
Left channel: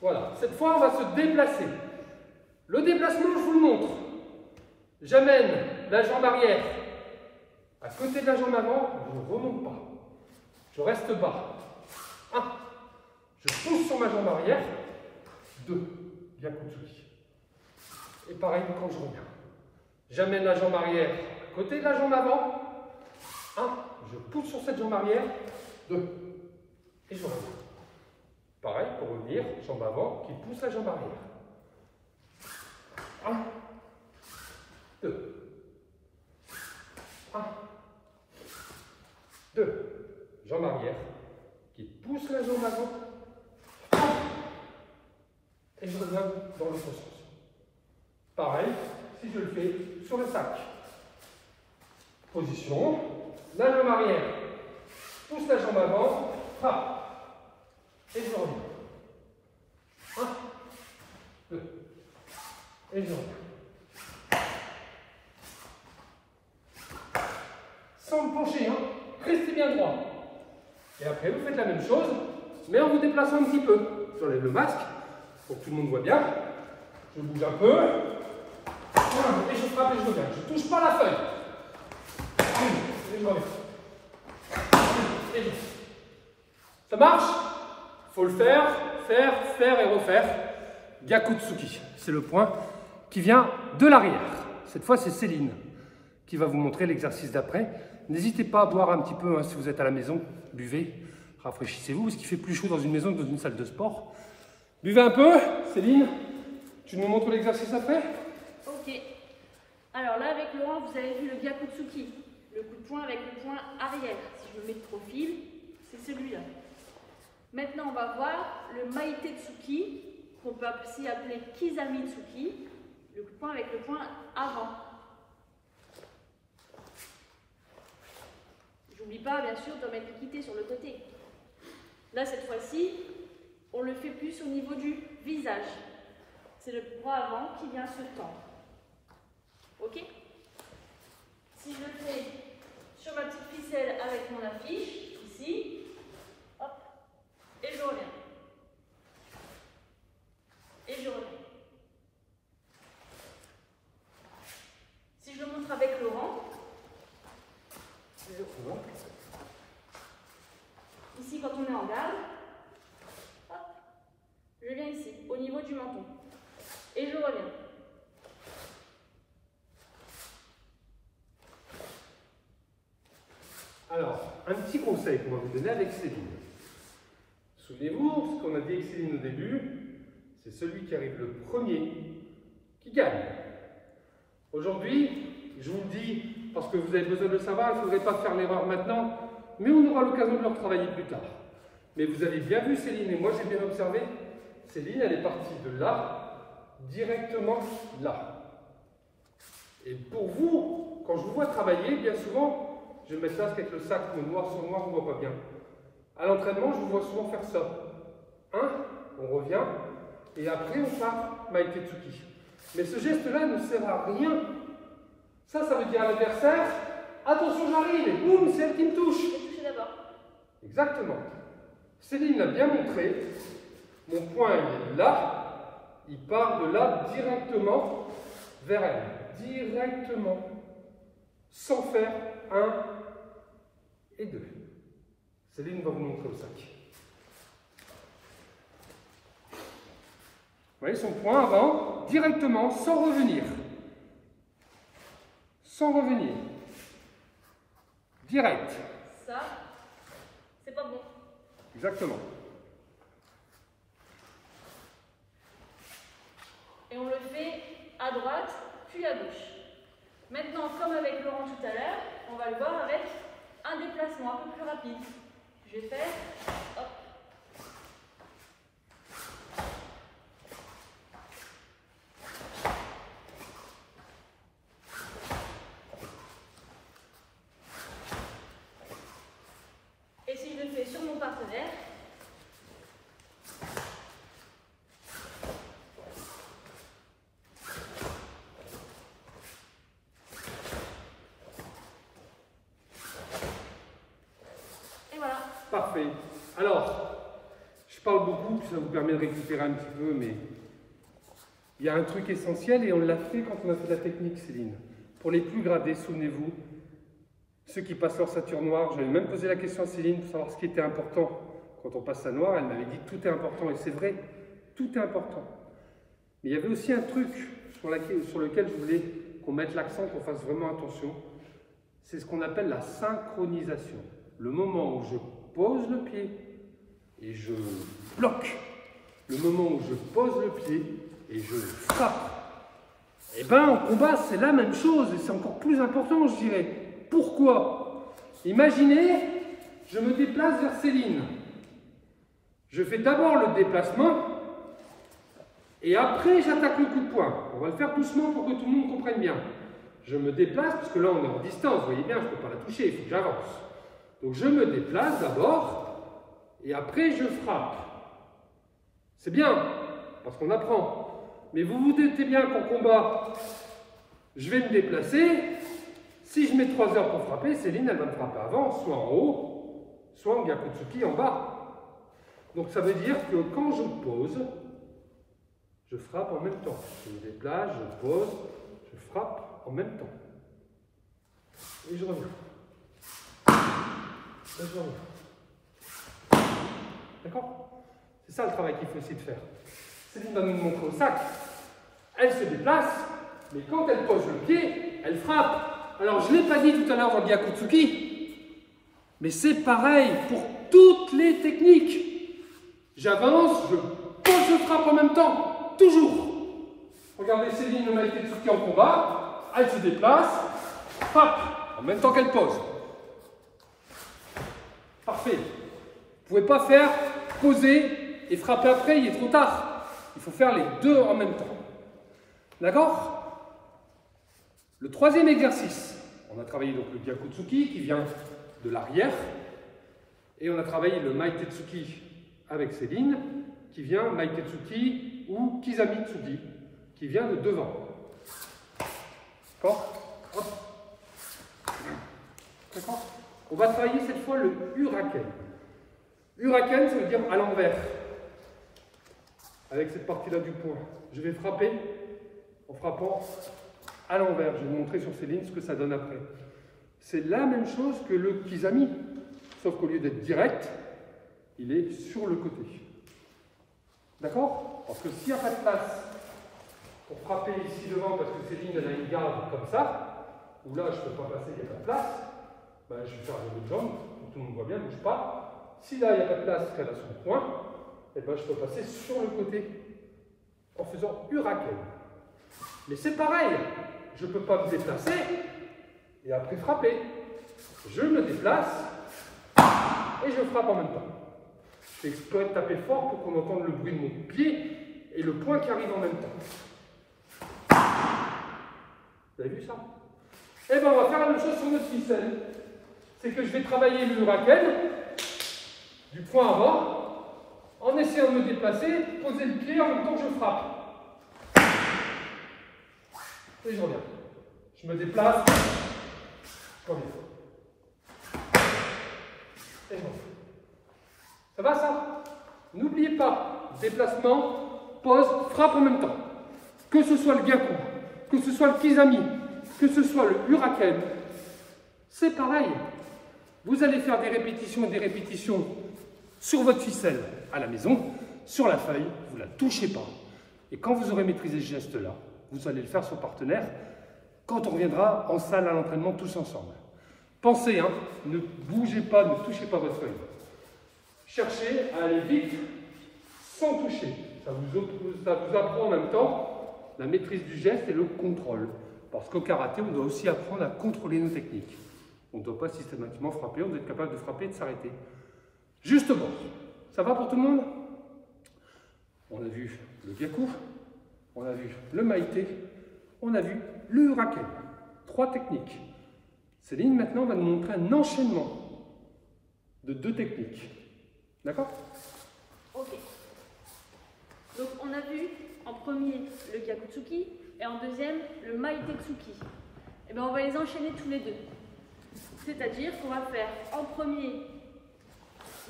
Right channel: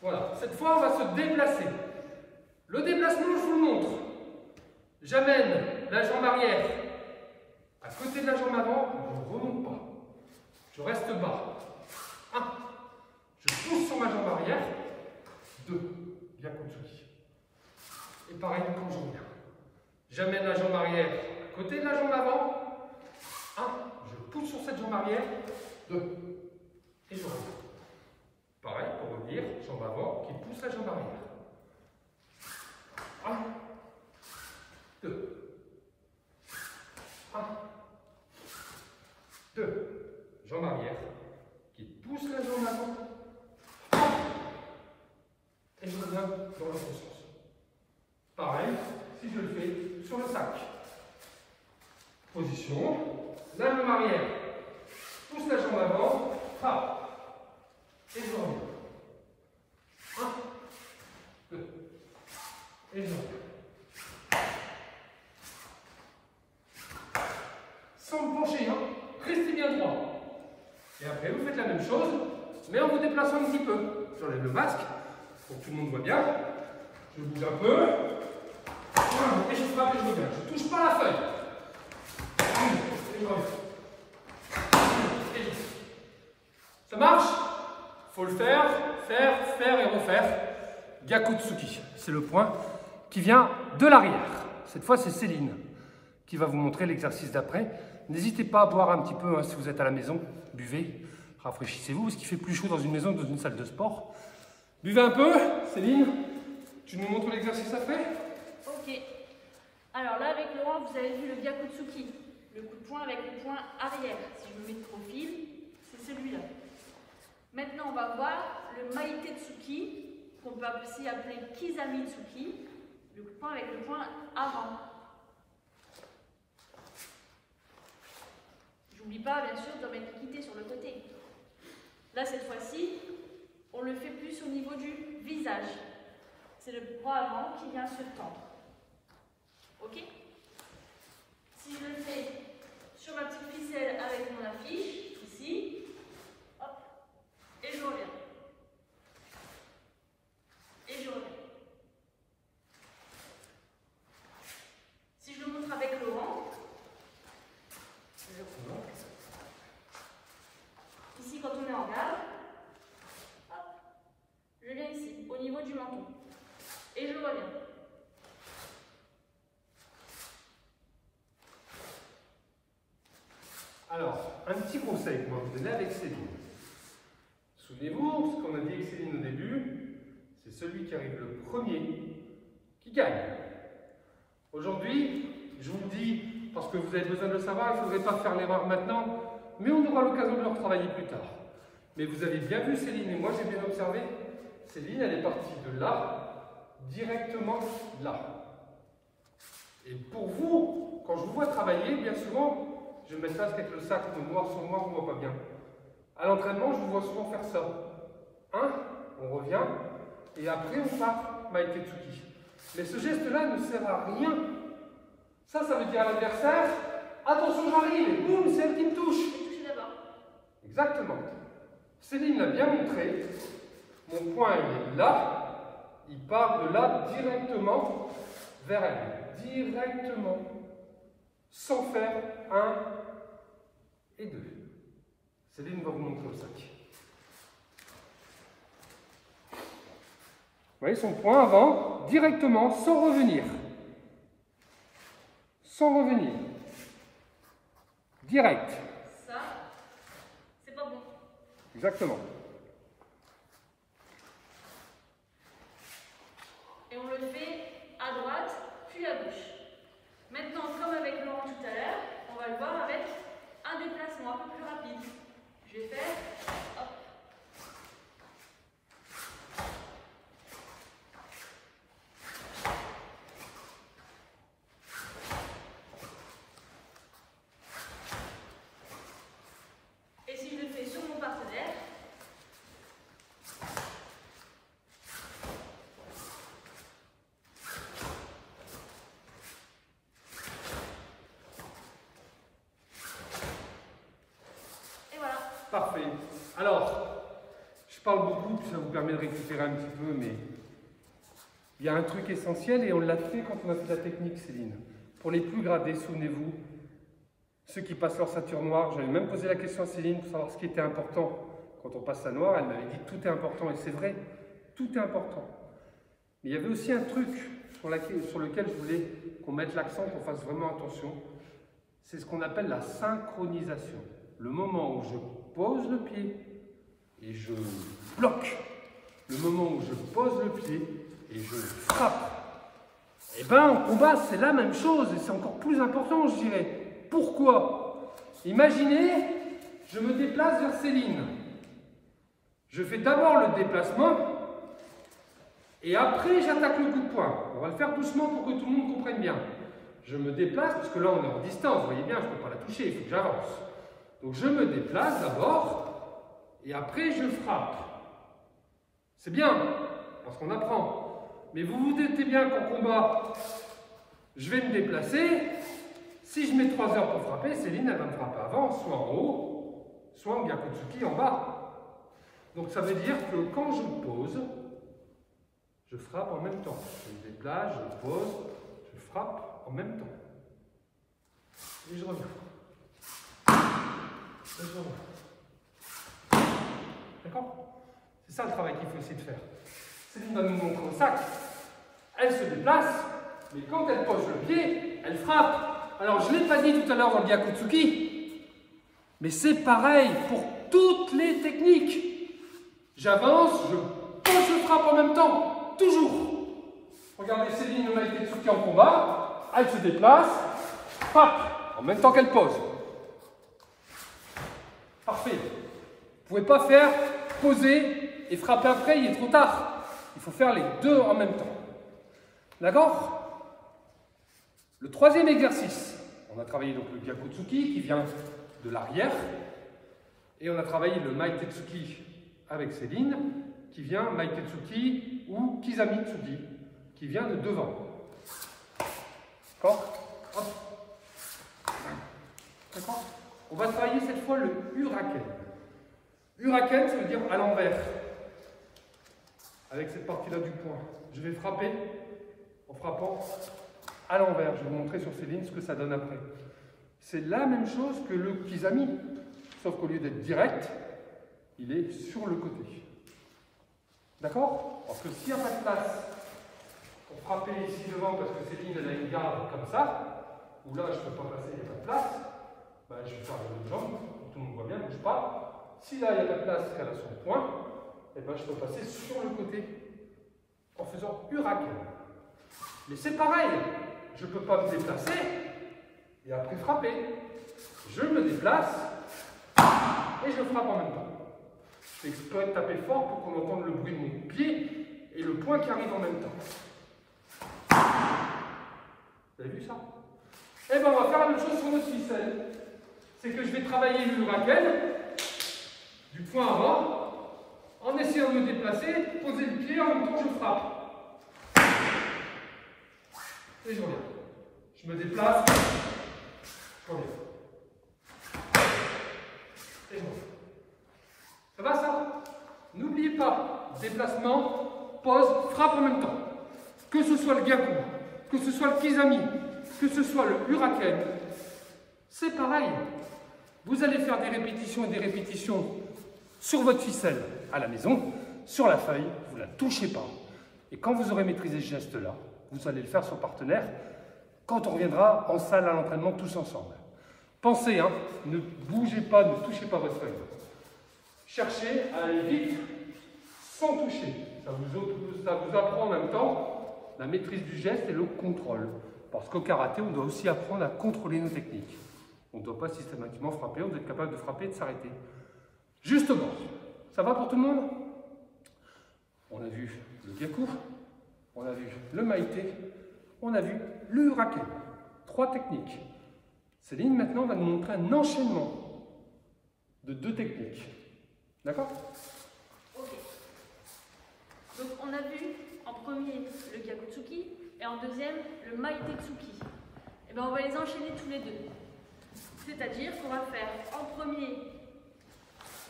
Voilà. Cette fois, on va se déplacer. Le déplacement, je vous le montre. J'amène la jambe arrière à côté de la jambe avant, je ne remonte pas. Je reste bas. 1. Je pousse sur ma jambe arrière. 2. Gyakutsuki. Et pareil quand je reviens. J'amène la jambe arrière à côté de la jambe avant. 1. Je pousse sur cette jambe arrière. 2. Et je reviens. Pareil pour revenir, jambe avant qui pousse la jambe arrière. 1. 2. 1. 2. Jambe arrière qui pousse la jambe avant. Et je reviens dans l'autre sens. Pareil, si je le fais sur le sac. Position. La jambe arrière pousse la jambe avant. Frappe. Et je reviens. 1. 2. Et je reviens. Sans me pencher, hein. Restez bien droit. Et après, vous faites la même chose, mais en vous déplaçant un petit peu. J'enlève le masque, pour que tout le monde voit bien. Je bouge un peu. Et je frappe et je reviens. Je ne touche pas la feuille. Et je reviens. Et je reviens. Ça marche? Il faut le faire, faire et refaire. Gyakutsuki, c'est le point qui vient de l'arrière. Cette fois, c'est Céline qui va vous montrer l'exercice d'après. N'hésitez pas à boire un petit peu, hein, si vous êtes à la maison, buvez, rafraîchissez-vous, parce qu'il fait plus chaud dans une maison que dans une salle de sport. Buvez un peu, Céline, tu nous montres l'exercice après? Ok. Alors là, avec Laurent, vous avez vu le Gyakutsuki, le coup de poing avec le poing arrière. Si je me mets de profil, c'est celui-là. Maintenant, on va voir le Maitetsuki, qu'on peut aussi appeler Kizamitsuki, le coup de poing avec le poing avant. N'oublie pas, bien sûr, de mettre l'équité sur le côté. Là, cette fois-ci, on le fait plus au niveau du visage. C'est le bras avant qui vient se tendre. Ok? Si je le fais sur ma petite ficelle avec mon affiche, ici, hop, et je reviens. Et je reviens. Si je le montre avec Laurent, ici, quand on est en garde, hop, je viens ici, au niveau du menton, et je reviens. Alors, un petit conseil qu'on va vous donner avec Céline. Souvenez-vous, ce qu'on a dit avec Céline au début, c'est celui qui arrive le premier qui gagne. Aujourd'hui, je vous le dis, parce que vous avez besoin de le savoir, il ne faudrait pas faire l'erreur maintenant, mais on aura l'occasion de le retravailler plus tard. Mais vous avez bien vu Céline, et moi j'ai bien observé, Céline, elle est partie de là, directement là. Et pour vous, quand je vous vois travailler, bien souvent, je vais mettre ça avec le sac, mais noir sur noir, on ne voit pas bien. À l'entraînement, je vous vois souvent faire ça. On revient, et après on part Maitetsuki. Mais ce geste-là ne sert à rien. Ça veut dire à l'adversaire, attention j'arrive, et boum, c'est elle qui me touche. Je vais toucher d'abord. Exactement. Céline l'a bien montré. Mon poing est là, il part de là directement vers elle. Directement. Sans faire 1 et 2. Céline va vous montrer au sac. Vous voyez son poing avant, directement, sans revenir. Sans revenir. Direct. Ça, c'est pas bon. Exactement. Et on le fait à droite, puis à gauche. Maintenant, comme avec Laurent tout à l'heure, on va le voir avec un déplacement un peu plus rapide. Je vais faire, hop. Et si je le fais sur mon partenaire, et voilà. Parfait. Alors, je parle beaucoup, ça vous permet de récupérer un petit peu, mais il y a un truc essentiel et on l'a fait quand on a fait la technique, Céline. Pour les plus gradés, souvenez-vous, ceux qui passent leur ceinture noire, j'avais même posé la question à Céline pour savoir ce qui était important. Quand on passe la noire, elle m'avait dit que tout est important, et c'est vrai, tout est important. Mais il y avait aussi un truc sur lequel je voulais qu'on mette l'accent, qu'on fasse vraiment attention, c'est ce qu'on appelle la synchronisation. Le moment où je pose le pied et je bloque, le moment où je pose le pied et je frappe. Et bien en combat, c'est la même chose et c'est encore plus important, je dirais. Pourquoi? Imaginez, je me déplace vers Céline. Je fais d'abord le déplacement et après j'attaque le coup de poing. On va le faire doucement pour que tout le monde comprenne bien. Je me déplace, parce que là on est en distance, vous voyez bien, je ne peux pas la toucher, il faut que j'avance. Donc je me déplace d'abord et après je frappe. C'est bien, parce qu'on apprend. Mais vous vous doutez bien qu'en combat, je vais me déplacer. Si je mets 3 heures pour frapper, Céline, elle va me frapper avant, soit en haut, soit en Gyakutsuki en bas. Donc ça veut dire que quand je pose, je frappe en même temps. Je me déplace, je pose, je frappe en même temps. Et je reviens. Et je reviens. D'accord? C'est ça le travail qu'il faut essayer de faire. Céline va nous montrer au sac. Elle se déplace, mais quand elle pose le pied, elle frappe. Alors, je ne l'ai pas dit tout à l'heure dans le Gyakutsuki, mais c'est pareil pour toutes les techniques. J'avance, je pose, je frappe en même temps, toujours. Regardez Céline le Maitetsuki en combat, elle se déplace, frappe, en même temps qu'elle pose. Parfait. Vous ne pouvez pas faire poser et frapper après, il est trop tard. Il faut faire les deux en même temps. D'accord? Le troisième exercice, on a travaillé donc le Gyakutsuki qui vient de l'arrière et on a travaillé le Maitetsuki avec Céline qui vient Maitetsuki ou Kizamitsuki qui vient de devant. D'accord? Hop. D'accord? On va travailler cette fois le Uraken. Uraken, ça veut dire à l'envers. Avec cette partie-là du poing. Je vais frapper en frappant à l'envers. Je vais vous montrer sur Céline ce que ça donne après. C'est la même chose que le Kizami, sauf qu'au lieu d'être direct, il est sur le côté. D'accord? Parce que s'il n'y a pas de place pour frapper ici devant, parce que Céline elle a une garde comme ça, où là je ne peux pas passer, il n'y a pas de place, ben, je vais faire de l'autre jambe, pour que tout le monde voit bien, ne bouge pas. Si là il n'y a pas de place, qu'elle a son point, et ben, je peux passer sur le côté en faisant Uraken. Mais c'est pareil, je ne peux pas me déplacer et après frapper. Je me déplace et je frappe en même temps. C'est exprès de taper fort pour qu'on entende le bruit de mon pied et le poing qui arrive en même temps. Vous avez vu ça? Eh bien, on va faire la même chose sur notre ficelle. C'est que je vais travailler le Uraken du point avant en essayant de me déplacer, poser le pied en même temps que je frappe. Et je reviens. Je me déplace, je reviens. Et je reviens. Ça va ça? N'oubliez pas, déplacement, pose, frappe en même temps. Que ce soit le Gyaku, que ce soit le Kizami, que ce soit le Uraken, c'est pareil. Vous allez faire des répétitions et des répétitions sur votre ficelle à la maison, sur la feuille, vous ne la touchez pas. Et quand vous aurez maîtrisé ce geste-là, vous allez le faire sur partenaire quand on reviendra en salle à l'entraînement tous ensemble. Pensez, hein, ne bougez pas, ne touchez pas votre feuille. Cherchez à aller vite sans toucher. Ça vous apprend en même temps la maîtrise du geste et le contrôle. Parce qu'au karaté, on doit aussi apprendre à contrôler nos techniques. On ne doit pas systématiquement frapper, on doit être capable de frapper et de s'arrêter. Justement, ça va pour tout le monde? On a vu le Gyaku, on a vu le Maïté, on a vu le Uraken. 3 techniques. Céline, maintenant, va nous montrer un enchaînement de 2 techniques. D'accord? Ok. Donc, on a vu en premier le Gyakutsuki et en deuxième le Maitetsuki. Et bien, on va les enchaîner tous les deux. C'est-à-dire qu'on va faire en premier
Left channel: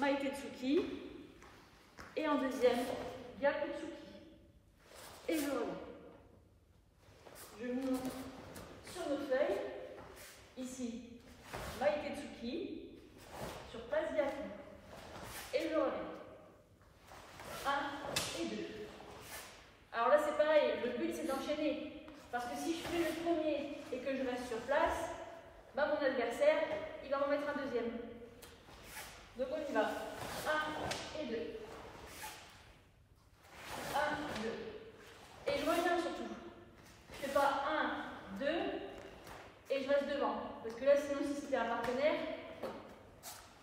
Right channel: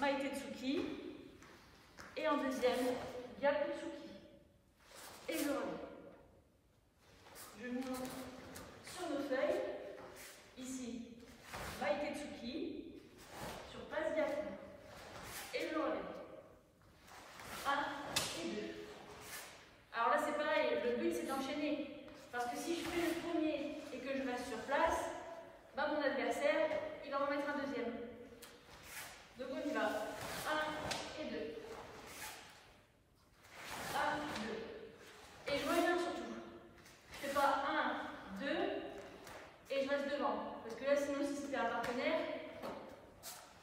Maitetsuki. Et en deuxième, Gyakutsuki. Et je reviens. Je vous montre sur nos feuilles. Ici, Maitetsuki. Sur place, Gyaku. Et je reviens. 1 et 2. Alors là, c'est pareil. Le but, c'est d'enchaîner. Parce que si je fais le premier et que je reste sur place, bah, mon adversaire, il va en mettre un deuxième. Donc on y va. 1 et 2. 1, 2. Et je reviens surtout. Je ne fais pas 1, 2 et je reste devant. Parce que là, sinon, si c'était un partenaire,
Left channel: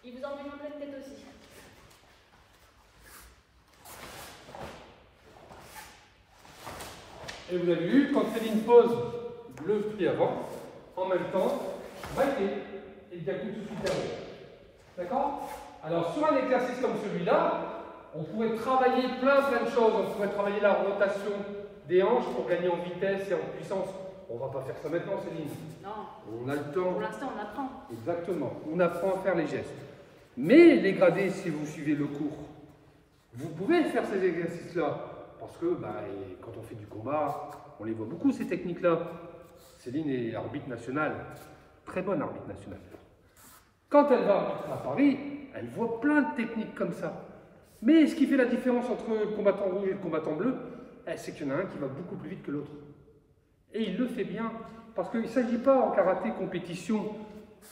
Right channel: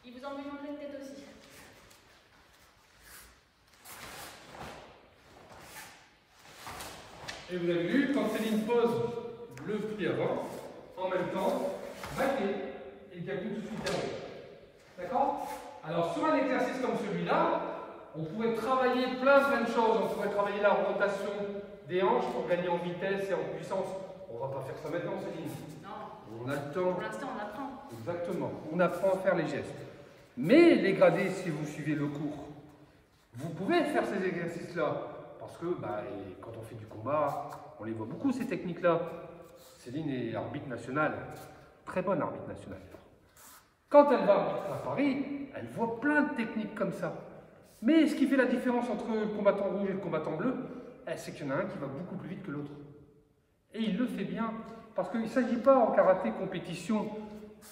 il vous en met en pleine tête aussi. Et vous avez vu, quand Céline pose le pied avant, en même temps, Maïté et Gyakutsuki terminé. D'accord? Alors, sur un exercice comme celui-là, on pourrait travailler plein de choses. On pourrait travailler la rotation des hanches pour gagner en vitesse et en puissance. On ne va pas faire ça maintenant, Céline. Non. On a le temps. Pour l'instant, on apprend. Exactement. On apprend à faire les gestes. Mais les gradés, si vous suivez le cours, vous pouvez faire ces exercices-là. Parce que quand on fait du combat, on les voit beaucoup, ces techniques-là. Céline est arbitre nationale. Très bonne arbitre nationale. Quand elle va arbitrer à Paris, elle voit plein de techniques comme ça. Mais ce qui fait la différence entre le combattant rouge et le combattant bleu, c'est qu'il y en a un qui va beaucoup plus vite que l'autre. Et il le fait bien. Parce qu'il ne s'agit pas en karaté compétition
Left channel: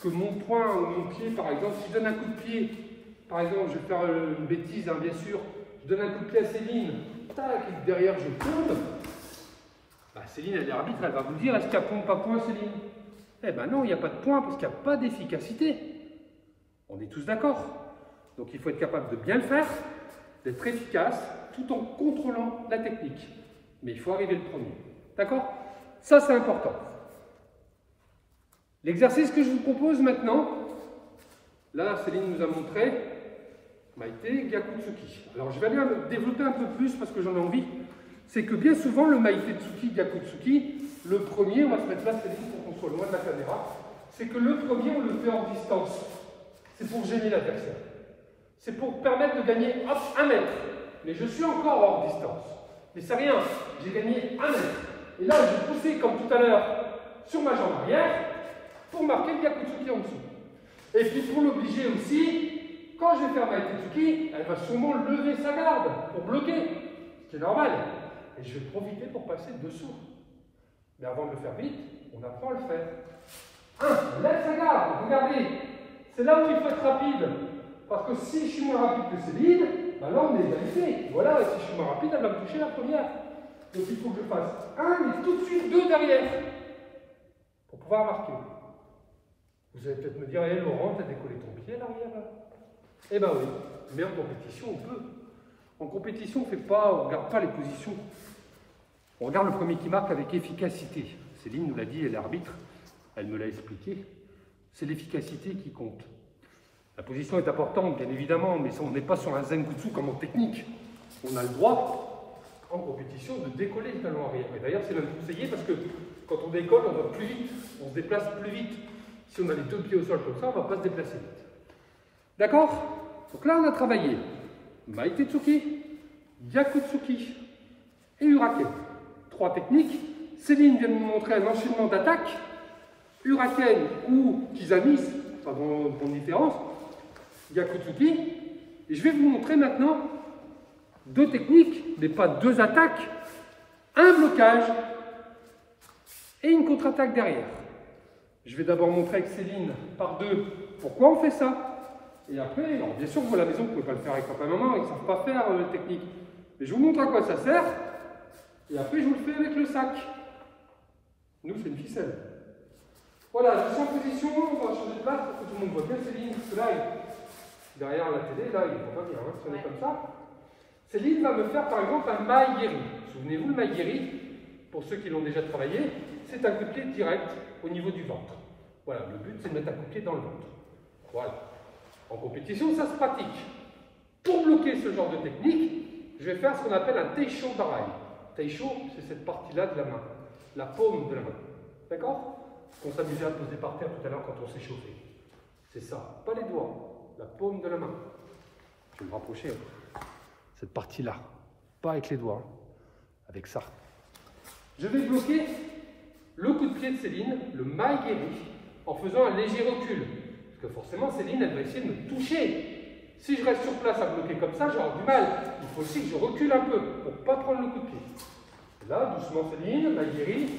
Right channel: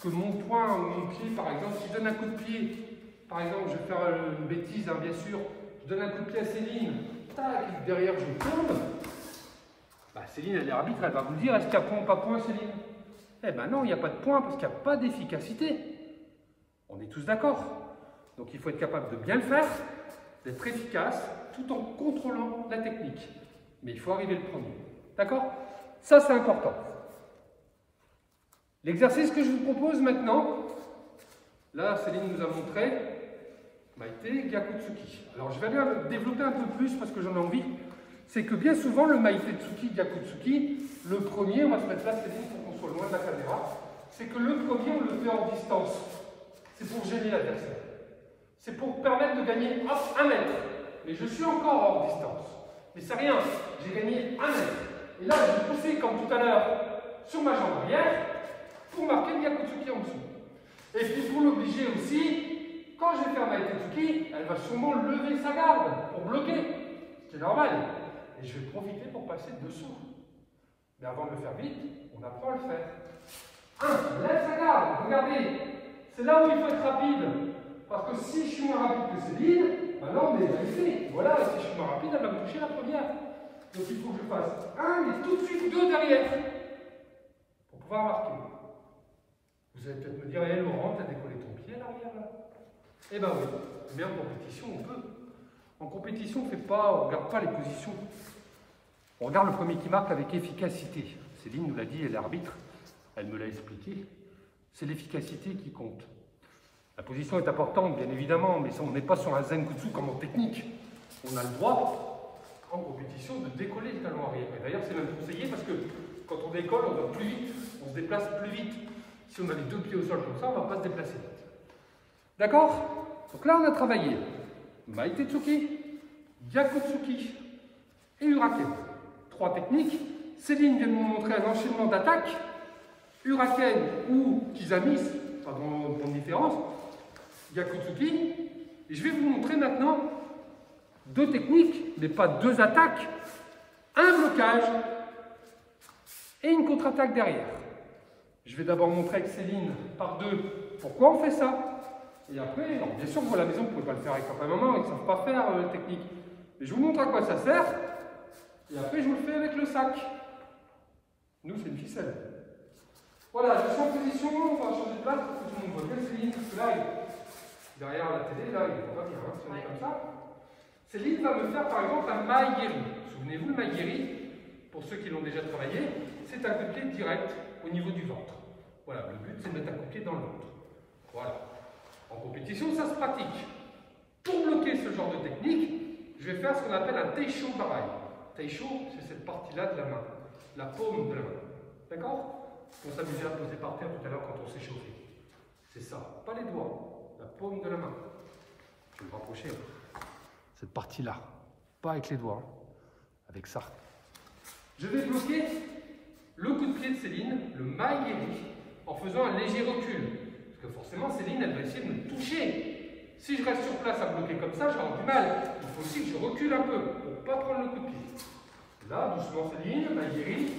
que mon poing ou mon pied, par exemple, si je donne un coup de pied, par exemple, je vais faire une bêtise, bien sûr, je donne un coup de pied à Céline, tac, et derrière je tourne, Céline, elle est arbitre, elle va vous dire, est-ce qu'il y a point ou pas point, Céline? Eh ben non, il n'y a pas de point parce qu'il n'y a pas d'efficacité. On est tous d'accord. Donc il faut être capable de bien le faire, d'être efficace, tout en contrôlant la technique. Mais il faut arriver le premier. D'accord? Ça, c'est important. L'exercice que je vous propose maintenant, là, Céline nous a montré Maïté, Gyakutsuki. Alors, je vais aller le développer un peu plus parce que j'en ai envie. C'est que bien souvent, le Maitetsuki, Gyakutsuki, le premier, on va se mettre là, Céline, pour qu'on soit loin de la caméra, c'est que le premier, on le fait en distance. C'est pour gêner l'adversaire. C'est pour permettre de gagner, hop, 1 mètre. Mais je suis encore hors distance. Mais c'est rien, j'ai gagné 1 mètre. Et là, je vais pousser, comme tout à l'heure, sur ma jambe arrière, pour marquer le Gyakutsuki en dessous. Et puis pour l'obliger aussi, quand je vais faire Maitetsuki, elle va sûrement lever sa garde pour bloquer, ce qui est normal. Et je vais profiter pour passer dessous. Mais avant de le faire vite, on apprend à le faire. 1. Lève sa garde, regardez. C'est là où il faut être rapide. Parce que si je suis moins rapide que Céline, là on est égalité. Voilà, et si je suis moins rapide, elle va me toucher la première. Donc il faut que je fasse 1 et tout de suite 2 derrière. Pour pouvoir marquer. Vous allez peut-être me dire, hé Laurent, t'as décollé ton pied à l'arrière là? Eh ben oui, mais en compétition on peut. En compétition, on ne regarde pas les positions. On regarde le premier qui marque avec efficacité. Céline nous l'a dit, elle est l'arbitre, elle me l'a expliqué. C'est l'efficacité qui compte. La position est importante, bien évidemment, mais on n'est pas sur un Zenbutsu comme en technique. On a le droit, en compétition, de décoller le talon arrière. Et d'ailleurs, c'est même conseillé parce que quand on décolle, on va plus vite, on se déplace plus vite. Si on a les 2 pieds au sol comme ça, on ne va pas se déplacer vite. D'accord? Donc là, on a travaillé Maitetsuki, Gyakutsuki et Uraken. 3 techniques. Céline vient de nous montrer un enchaînement d'attaque. Uraken ou Kizamis, pas grande différence. Gyakutsuki. Et je vais vous montrer maintenant 2 techniques, mais pas 2 attaques. Un blocage et une contre-attaque derrière. Je vais d'abord montrer avec Céline par 2 pourquoi on fait ça. Et après, alors bien sûr, vous à la maison, vous ne pouvez pas le faire avec papa et maman, ils ne savent pas faire la technique. Mais je vous montre à quoi ça sert. Et après, je vous le fais avec le sac. Nous, c'est une ficelle. Voilà, je suis en position, on va changer de place pour que tout le monde voit bien Céline. Parce que là, derrière la télé, là, il ne voit pas bien, hein, si on est comme ça. Céline va me faire par exemple un maïgiri. Souvenez-vous, le maïgiri, pour ceux qui l'ont déjà travaillé, c'est un coup de pied direct au niveau du ventre. Voilà, le but, c'est de mettre un coup de pied dans le ventre. Voilà. En compétition, ça se pratique. Pour bloquer ce genre de technique, je vais faire ce qu'on appelle un Teisho Barai. Teisho, c'est cette partie-là de la main, la paume de la main. D'accord? Ce qu'on s'amusait à poser par terre tout à l'heure quand on s'est chauffé. C'est ça, pas les doigts, la paume de la main. Je vais me rapprocher. Cette partie-là. Pas avec les doigts, hein. Avec ça. Je vais bloquer le coup de pied de Céline, le Maegiri, en faisant un léger recul. Parce que forcément, Céline, elle va essayer de me toucher. Si je reste sur place à bloquer comme ça, j'aurai du mal. Il faut aussi que je recule un peu pour ne pas prendre le coup de pied. Là, doucement Céline, Maegiri,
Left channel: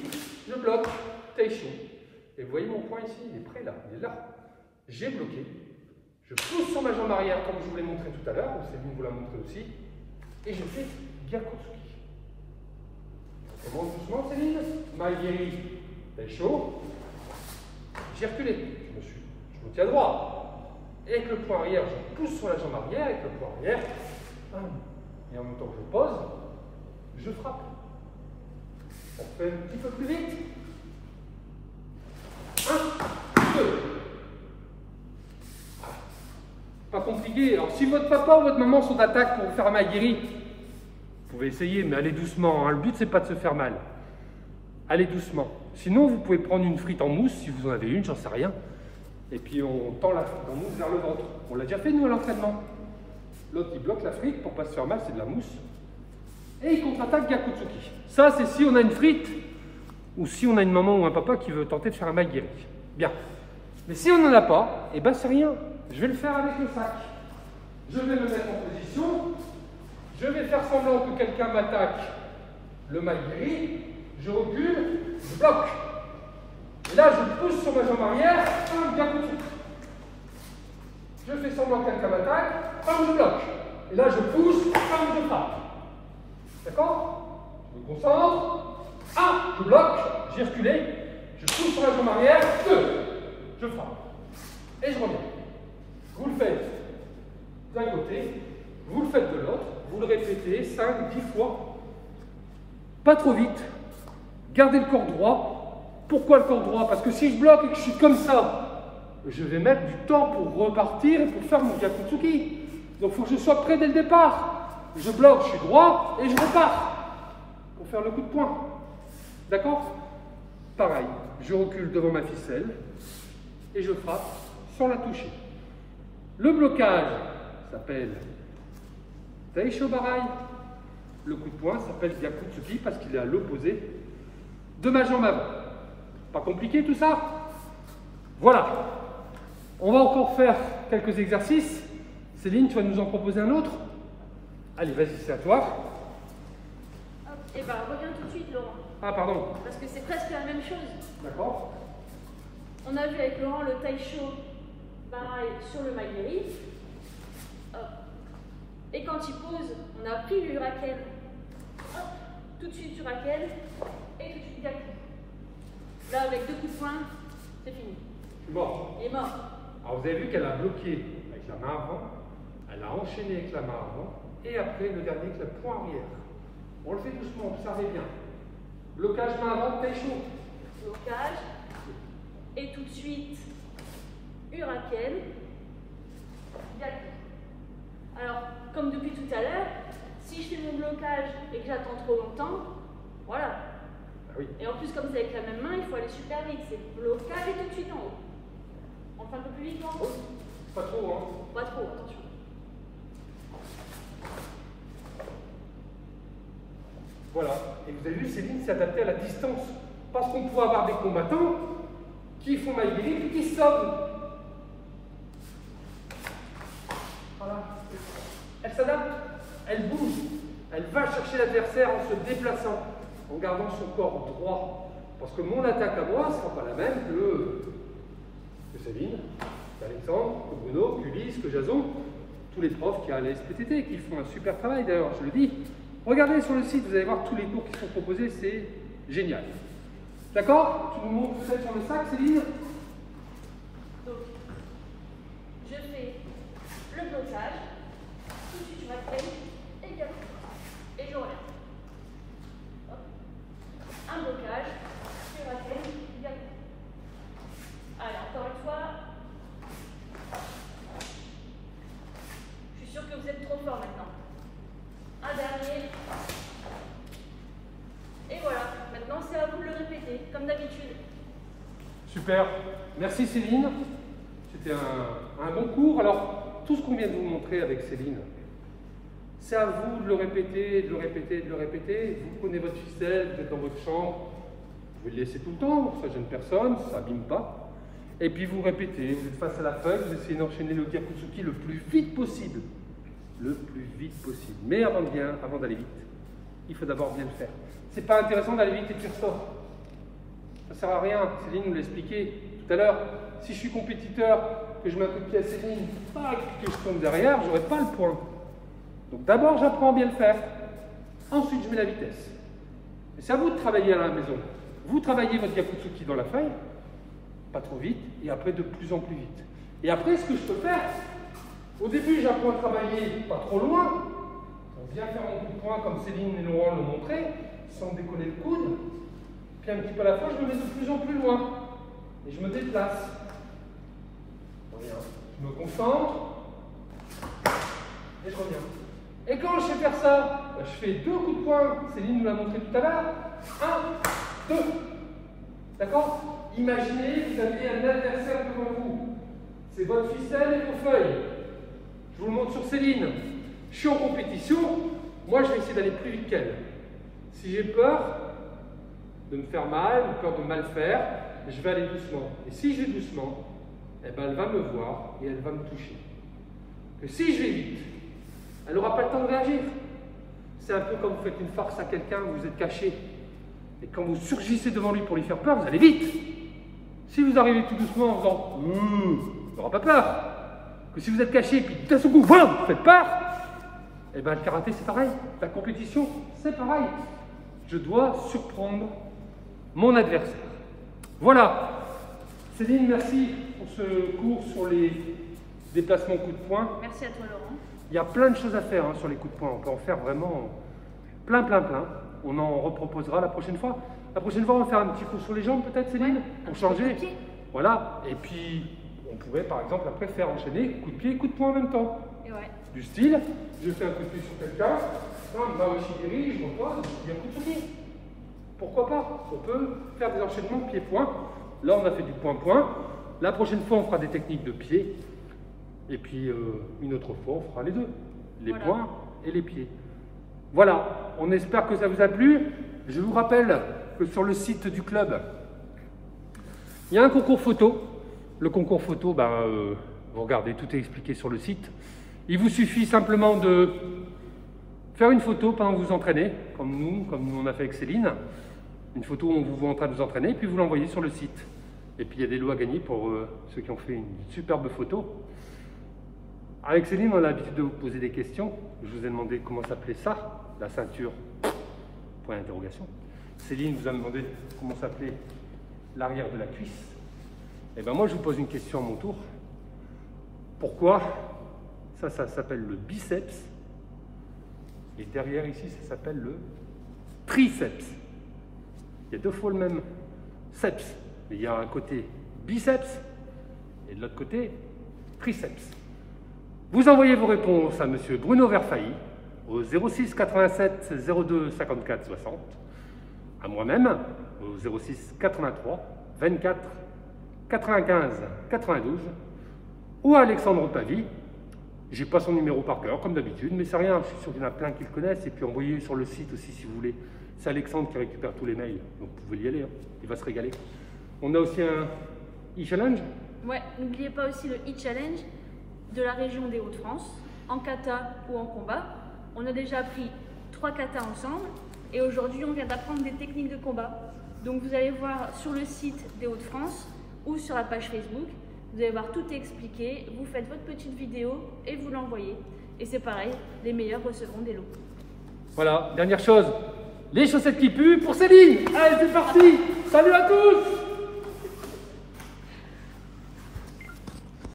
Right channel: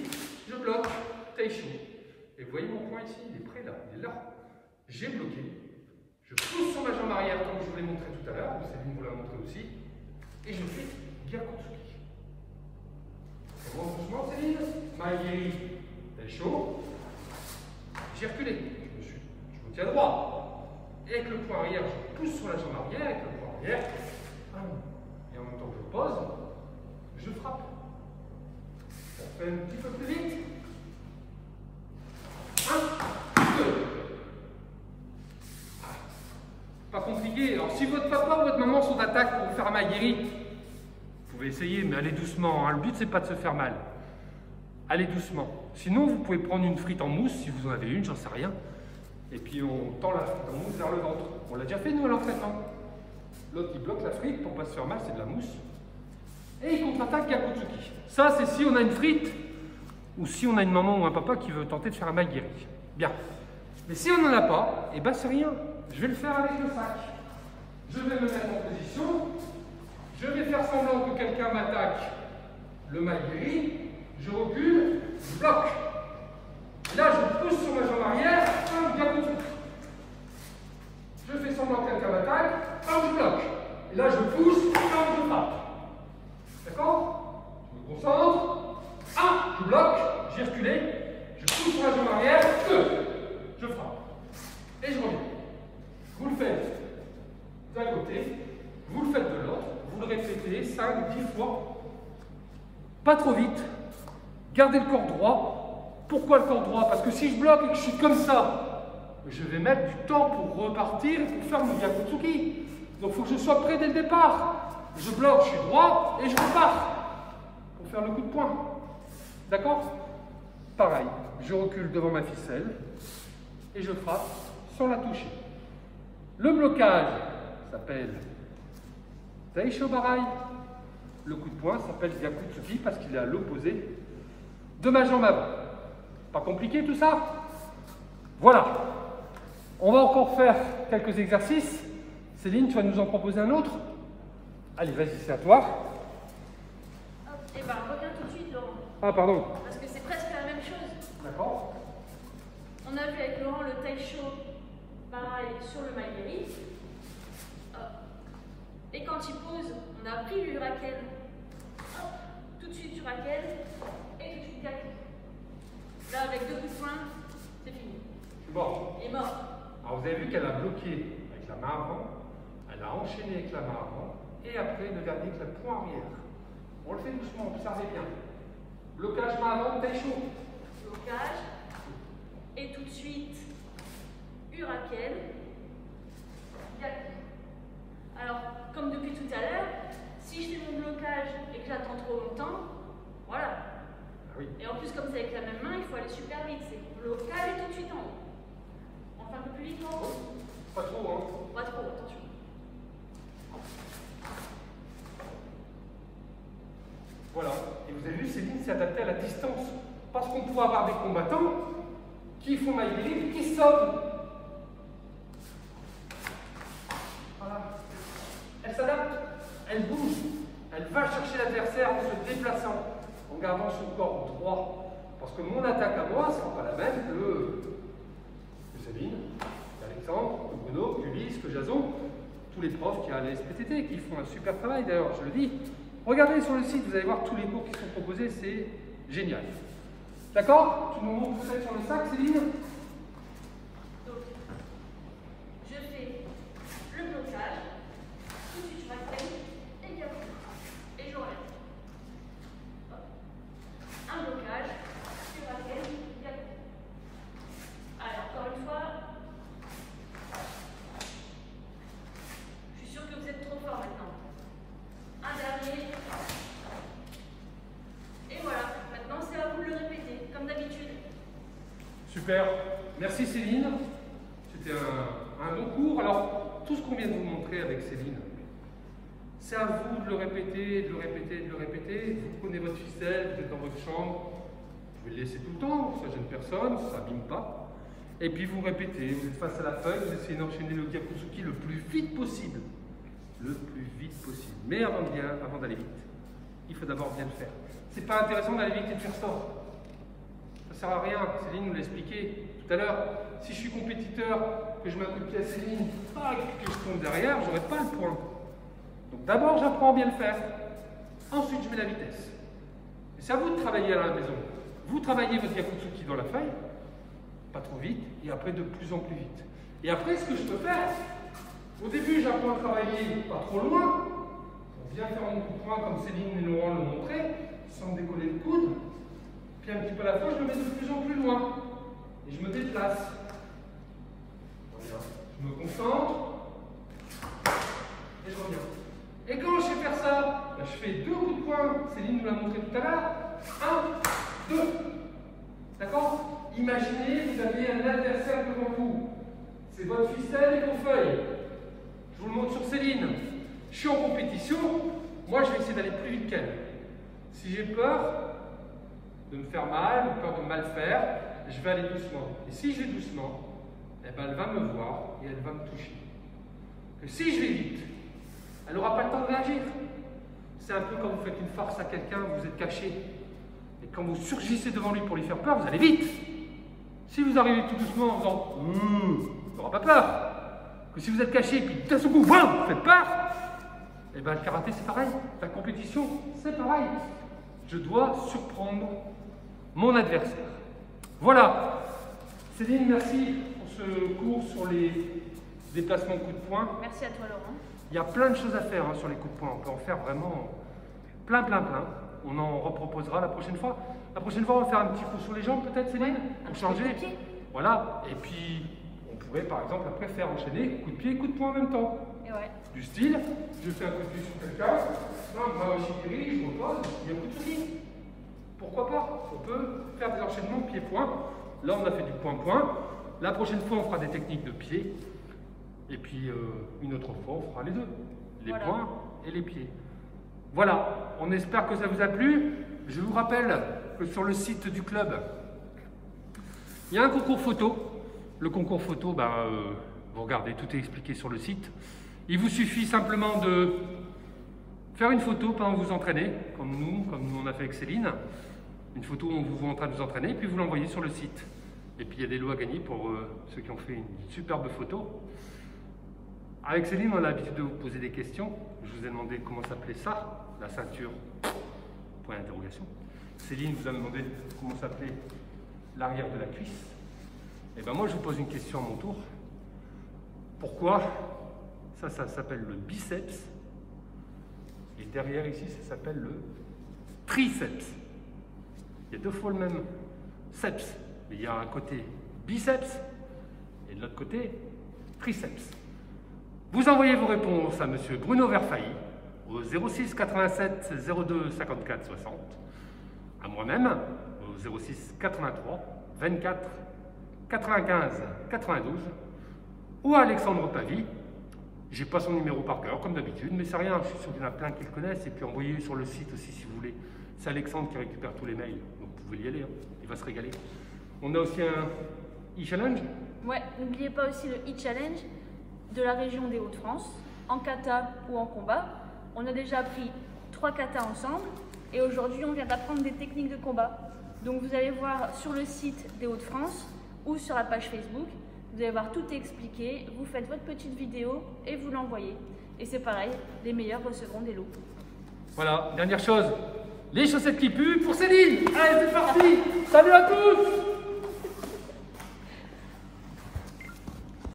je bloque, Taisho. Et vous voyez mon point ici, il est prêt là, il est là. J'ai bloqué. Je pousse sur ma jambe arrière comme je vous l'ai montré tout à l'heure, Céline vous l'a montré aussi. Et je fais Gyakutsuki. On monte doucement Céline, Maegiri, Taisho. J'ai reculé, je me tiens droit. Et avec le point arrière, je pousse sur la jambe arrière, avec le point arrière. Et en même temps que je pose, je frappe. On fait un petit peu plus vite. 1, 2. Pas compliqué. Alors si votre papa ou votre maman sont d'attaque pour vous faire un Maegiri, vous pouvez essayer, mais allez doucement. Hein. Le but, c'est pas de se faire mal. Allez doucement. Sinon, vous pouvez prendre une frite en mousse, si vous en avez une, j'en sais rien. Et puis on tend la frite en mousse vers le ventre. On l'a déjà fait, nous, à l'entraînement. L'autre, il bloque la frite pour pas se faire mal, c'est de la mousse. Et il contre-attaque Gyakutsuki. Ça, c'est si on a une frite, ou si on a une maman ou un papa qui veut tenter de faire un Maegiri. Bien. Mais si on n'en a pas, eh ben c'est rien. Je vais le faire avec le sac. Je vais me mettre en position. Je vais faire semblant que quelqu'un m'attaque le Maegiri. Je recule, je bloque. Et là, je pousse sur ma jambe arrière, Gyakutsuki. Je fais semblant que quelqu'un m'attaque, je bloque. Et là, je pousse, je frappe. D'accord? Je me concentre. 1, je bloque, j'ai reculé. Je pousse sur la jambe arrière. 2, je frappe. Et je reviens. Vous le faites d'un côté, vous le faites de l'autre. Vous le répétez 5, 10 fois. Pas trop vite. Gardez le corps droit. Pourquoi le corps droit? Parce que si je bloque et que je suis comme ça, je vais mettre du temps pour repartir et pour faire mon Gyakutsuki. Donc il faut que je sois prêt dès le départ. Je bloque, je suis droit et je repars pour faire le coup de poing. D'accord? Pareil, je recule devant ma ficelle et je frappe sans la toucher. Le blocage s'appelle Taisho Barai. Le coup de poing s'appelle Gyakutsuki parce qu'il est à l'opposé de ma jambe avant. Pas compliqué tout ça? Voilà. On va encore faire quelques exercices. Céline, tu vas nous en proposer un autre? Allez, vas-y, c'est à toi. Et ben, reviens tout de suite, Laurent. Ah, pardon. Parce que c'est presque la même chose. D'accord. On a vu avec Laurent le Taisho Barai sur le Maegiri. Et quand il pose, on a pris l'Uraken. Tout de suite Uraken et tout de suite Gyaku. Là, avec 2 coups de poing, c'est fini. Bon. Il est mort. Alors vous avez vu qu'elle a bloqué avec la main avant, elle a enchaîné avec la main avant, et après le garder avec le poing arrière. On le fait doucement, observez bien. Blocage main avant, Taisho. Blocage. Et tout de suite, Uraken. Gyaku. Alors, comme depuis tout à l'heure, si je fais mon blocage et que j'attends trop longtemps, voilà. Ah oui. Et en plus, comme c'est avec la même main, il faut aller super vite. C'est blocage et tout de suite en haut. On fait un peu plus vite, non? Oui. Pas trop, hein? Pas trop, attention. Voilà. Et vous avez vu, Céline s'est adaptée à la distance. Parce qu'on pourrait avoir des combattants qui font Maegiri puis qui se sauvent. Voilà. Elle s'adapte, elle bouge, elle va chercher l'adversaire en se déplaçant, en gardant son corps droit. Parce que mon attaque à moi ne sera pas la même que Céline, qu'Alexandre, que Bruno, qu'Ulysse, que Jason, tous les profs qui a à la SPTT, qui font un super travail d'ailleurs, je le dis. Regardez sur le site, vous allez voir tous les cours qui sont proposés, c'est génial. D'accord? Tu nous montres ça sur le sac, Céline? Donc, je fais le blocage, tout de suite je m'accroche et Gyaku. Et je reviens. Hop. Un blocage, je m'accroche et Gyaku. Allez, encore une fois. Je suis sûre que vous êtes trop fort maintenant. Un dernier. Et voilà, maintenant c'est à vous de le répéter, comme d'habitude. Super, merci Céline. C'était un bon cours. Alors, tout ce qu'on vient de vous montrer avec Céline, C'est à vous de le répéter, de le répéter, de le répéter. Vous prenez votre ficelle, vous êtes dans votre chambre, vous pouvez le laisser tout le temps, ça gêne personne, ça n'abîme pas. Et puis vous répétez, vous êtes face à la feuille, vous essayez d'enchaîner le Gyakutsuki le plus vite possible. Le plus vite possible. Mais avant d'aller vite, il faut d'abord bien le faire. C'est pas intéressant d'aller vite et de faire ça. Ça sert à rien, Céline nous l'a expliqué tout à l'heure. Si je suis compétiteur, que je mets un coup de pied à Céline, que je tombe derrière, j'aurai pas le point. Donc d'abord, j'apprends à bien le faire. Ensuite, je mets la vitesse. Et c'est à vous de travailler à la maison. Vous travaillez votre Gyakutsuki dans la feuille, pas trop vite, et après de plus en plus vite. Et après, ce que je peux faire, au début, j'apprends à travailler pas trop loin, pour bien faire mon coup de poing comme Céline et Laurent l'ont montré, sans décoller le coude. Puis un petit peu à la fois, je me mets de plus en plus loin. Et je me déplace. Voilà. Je me concentre. Et je reviens. Et quand je sais faire ça, je fais 2 coups de poing. Céline nous l'a montré tout à l'heure. 1, 2. D'accord? Imaginez, vous avez un adversaire devant vous. C'est votre ficelle et vos feuilles. Je vous le montre sur Céline. Je suis en compétition. Moi, je vais essayer d'aller plus vite qu'elle. Si j'ai peur de me faire mal, peur de mal faire, je vais aller doucement. Et si je vais doucement, eh ben, elle va me voir et elle va me toucher. Que si je vais vite, elle n'aura pas le temps de réagir. C'est un peu comme vous faites une farce à quelqu'un, vous êtes caché. Et quand vous surgissez devant lui pour lui faire peur, vous allez vite. Si vous arrivez tout doucement en faisant il n'aura pas peur. Que si vous êtes caché, puis d'un seul coup, voilà, vous faites peur, et bien le karaté c'est pareil. La compétition, c'est pareil. Je dois surprendre mon adversaire. Voilà. Céline, merci pour ce cours sur les déplacements coups de poing. Merci à toi, Laurent. Il y a plein de choses à faire sur les coups de poing. On peut en faire vraiment plein. On en reproposera la prochaine fois. La prochaine fois, on va faire un petit coup sur les jambes, peut-être, Céline, pour changer. Voilà. Et puis, on pourrait, par exemple, après faire enchaîner coup de pied et coup de poing en même temps. Et ouais. Du style, je fais un coup de pied sur quelqu'un, ma Washigiri, je repose, il y a un coup de pied. Pourquoi pas? On peut faire des enchaînements pied-point. Là, on a fait du point-point. La prochaine fois, on fera des techniques de pied. Et puis, une autre fois, on fera les deux. Les poings et les pieds. Voilà, on espère que ça vous a plu. Je vous rappelle que sur le site du club, il y a un concours photo. Le concours photo, vous regardez, tout est expliqué sur le site. Il vous suffit simplement de faire une photo pendant que vous vous entraînez, comme nous on a fait avec Céline. Une photo où on vous voit en train de vous entraîner, puis vous l'envoyez sur le site. Et puis il y a des lots à gagner pour ceux qui ont fait une superbe photo. Avec Céline, on a l'habitude de vous poser des questions. Je vous ai demandé comment s'appelait ça, la ceinture, point d'interrogation. Céline vous a demandé comment s'appelait l'arrière de la cuisse. Et bien moi, je vous pose une question à mon tour. Pourquoi ça s'appelle le biceps et derrière ici, ça s'appelle le triceps. Il y a 2 fois le même seps, mais il y a un côté biceps et de l'autre côté triceps. Vous envoyez vos réponses à monsieur Bruno Verfailly au 06 87 02 54 60, à moi-même au 06 83 24 95 92 ou à Alexandre Pavie. J'ai pas son numéro par cœur comme d'habitude, mais c'est rien, je suis sûr qu'il y en a plein qui le connaissent. Et puis envoyez sur le site aussi si vous voulez. C'est Alexandre qui récupère tous les mails, donc vous pouvez y aller, il va se régaler. On a aussi un e-challenge. Ouais, n'oubliez pas aussi le e-challenge de la région des Hauts-de-France, en kata ou en combat. On a déjà appris 3 katas ensemble et aujourd'hui on vient d'apprendre des techniques de combat. Donc vous allez voir sur le site des Hauts-de-France ou sur la page Facebook, vous allez voir tout expliqué, vous faites votre petite vidéo et vous l'envoyez. Et c'est pareil, les meilleurs recevront des lots. Voilà, dernière chose, les chaussettes qui puent pour Céline. Allez, c'est parti. Salut à tous.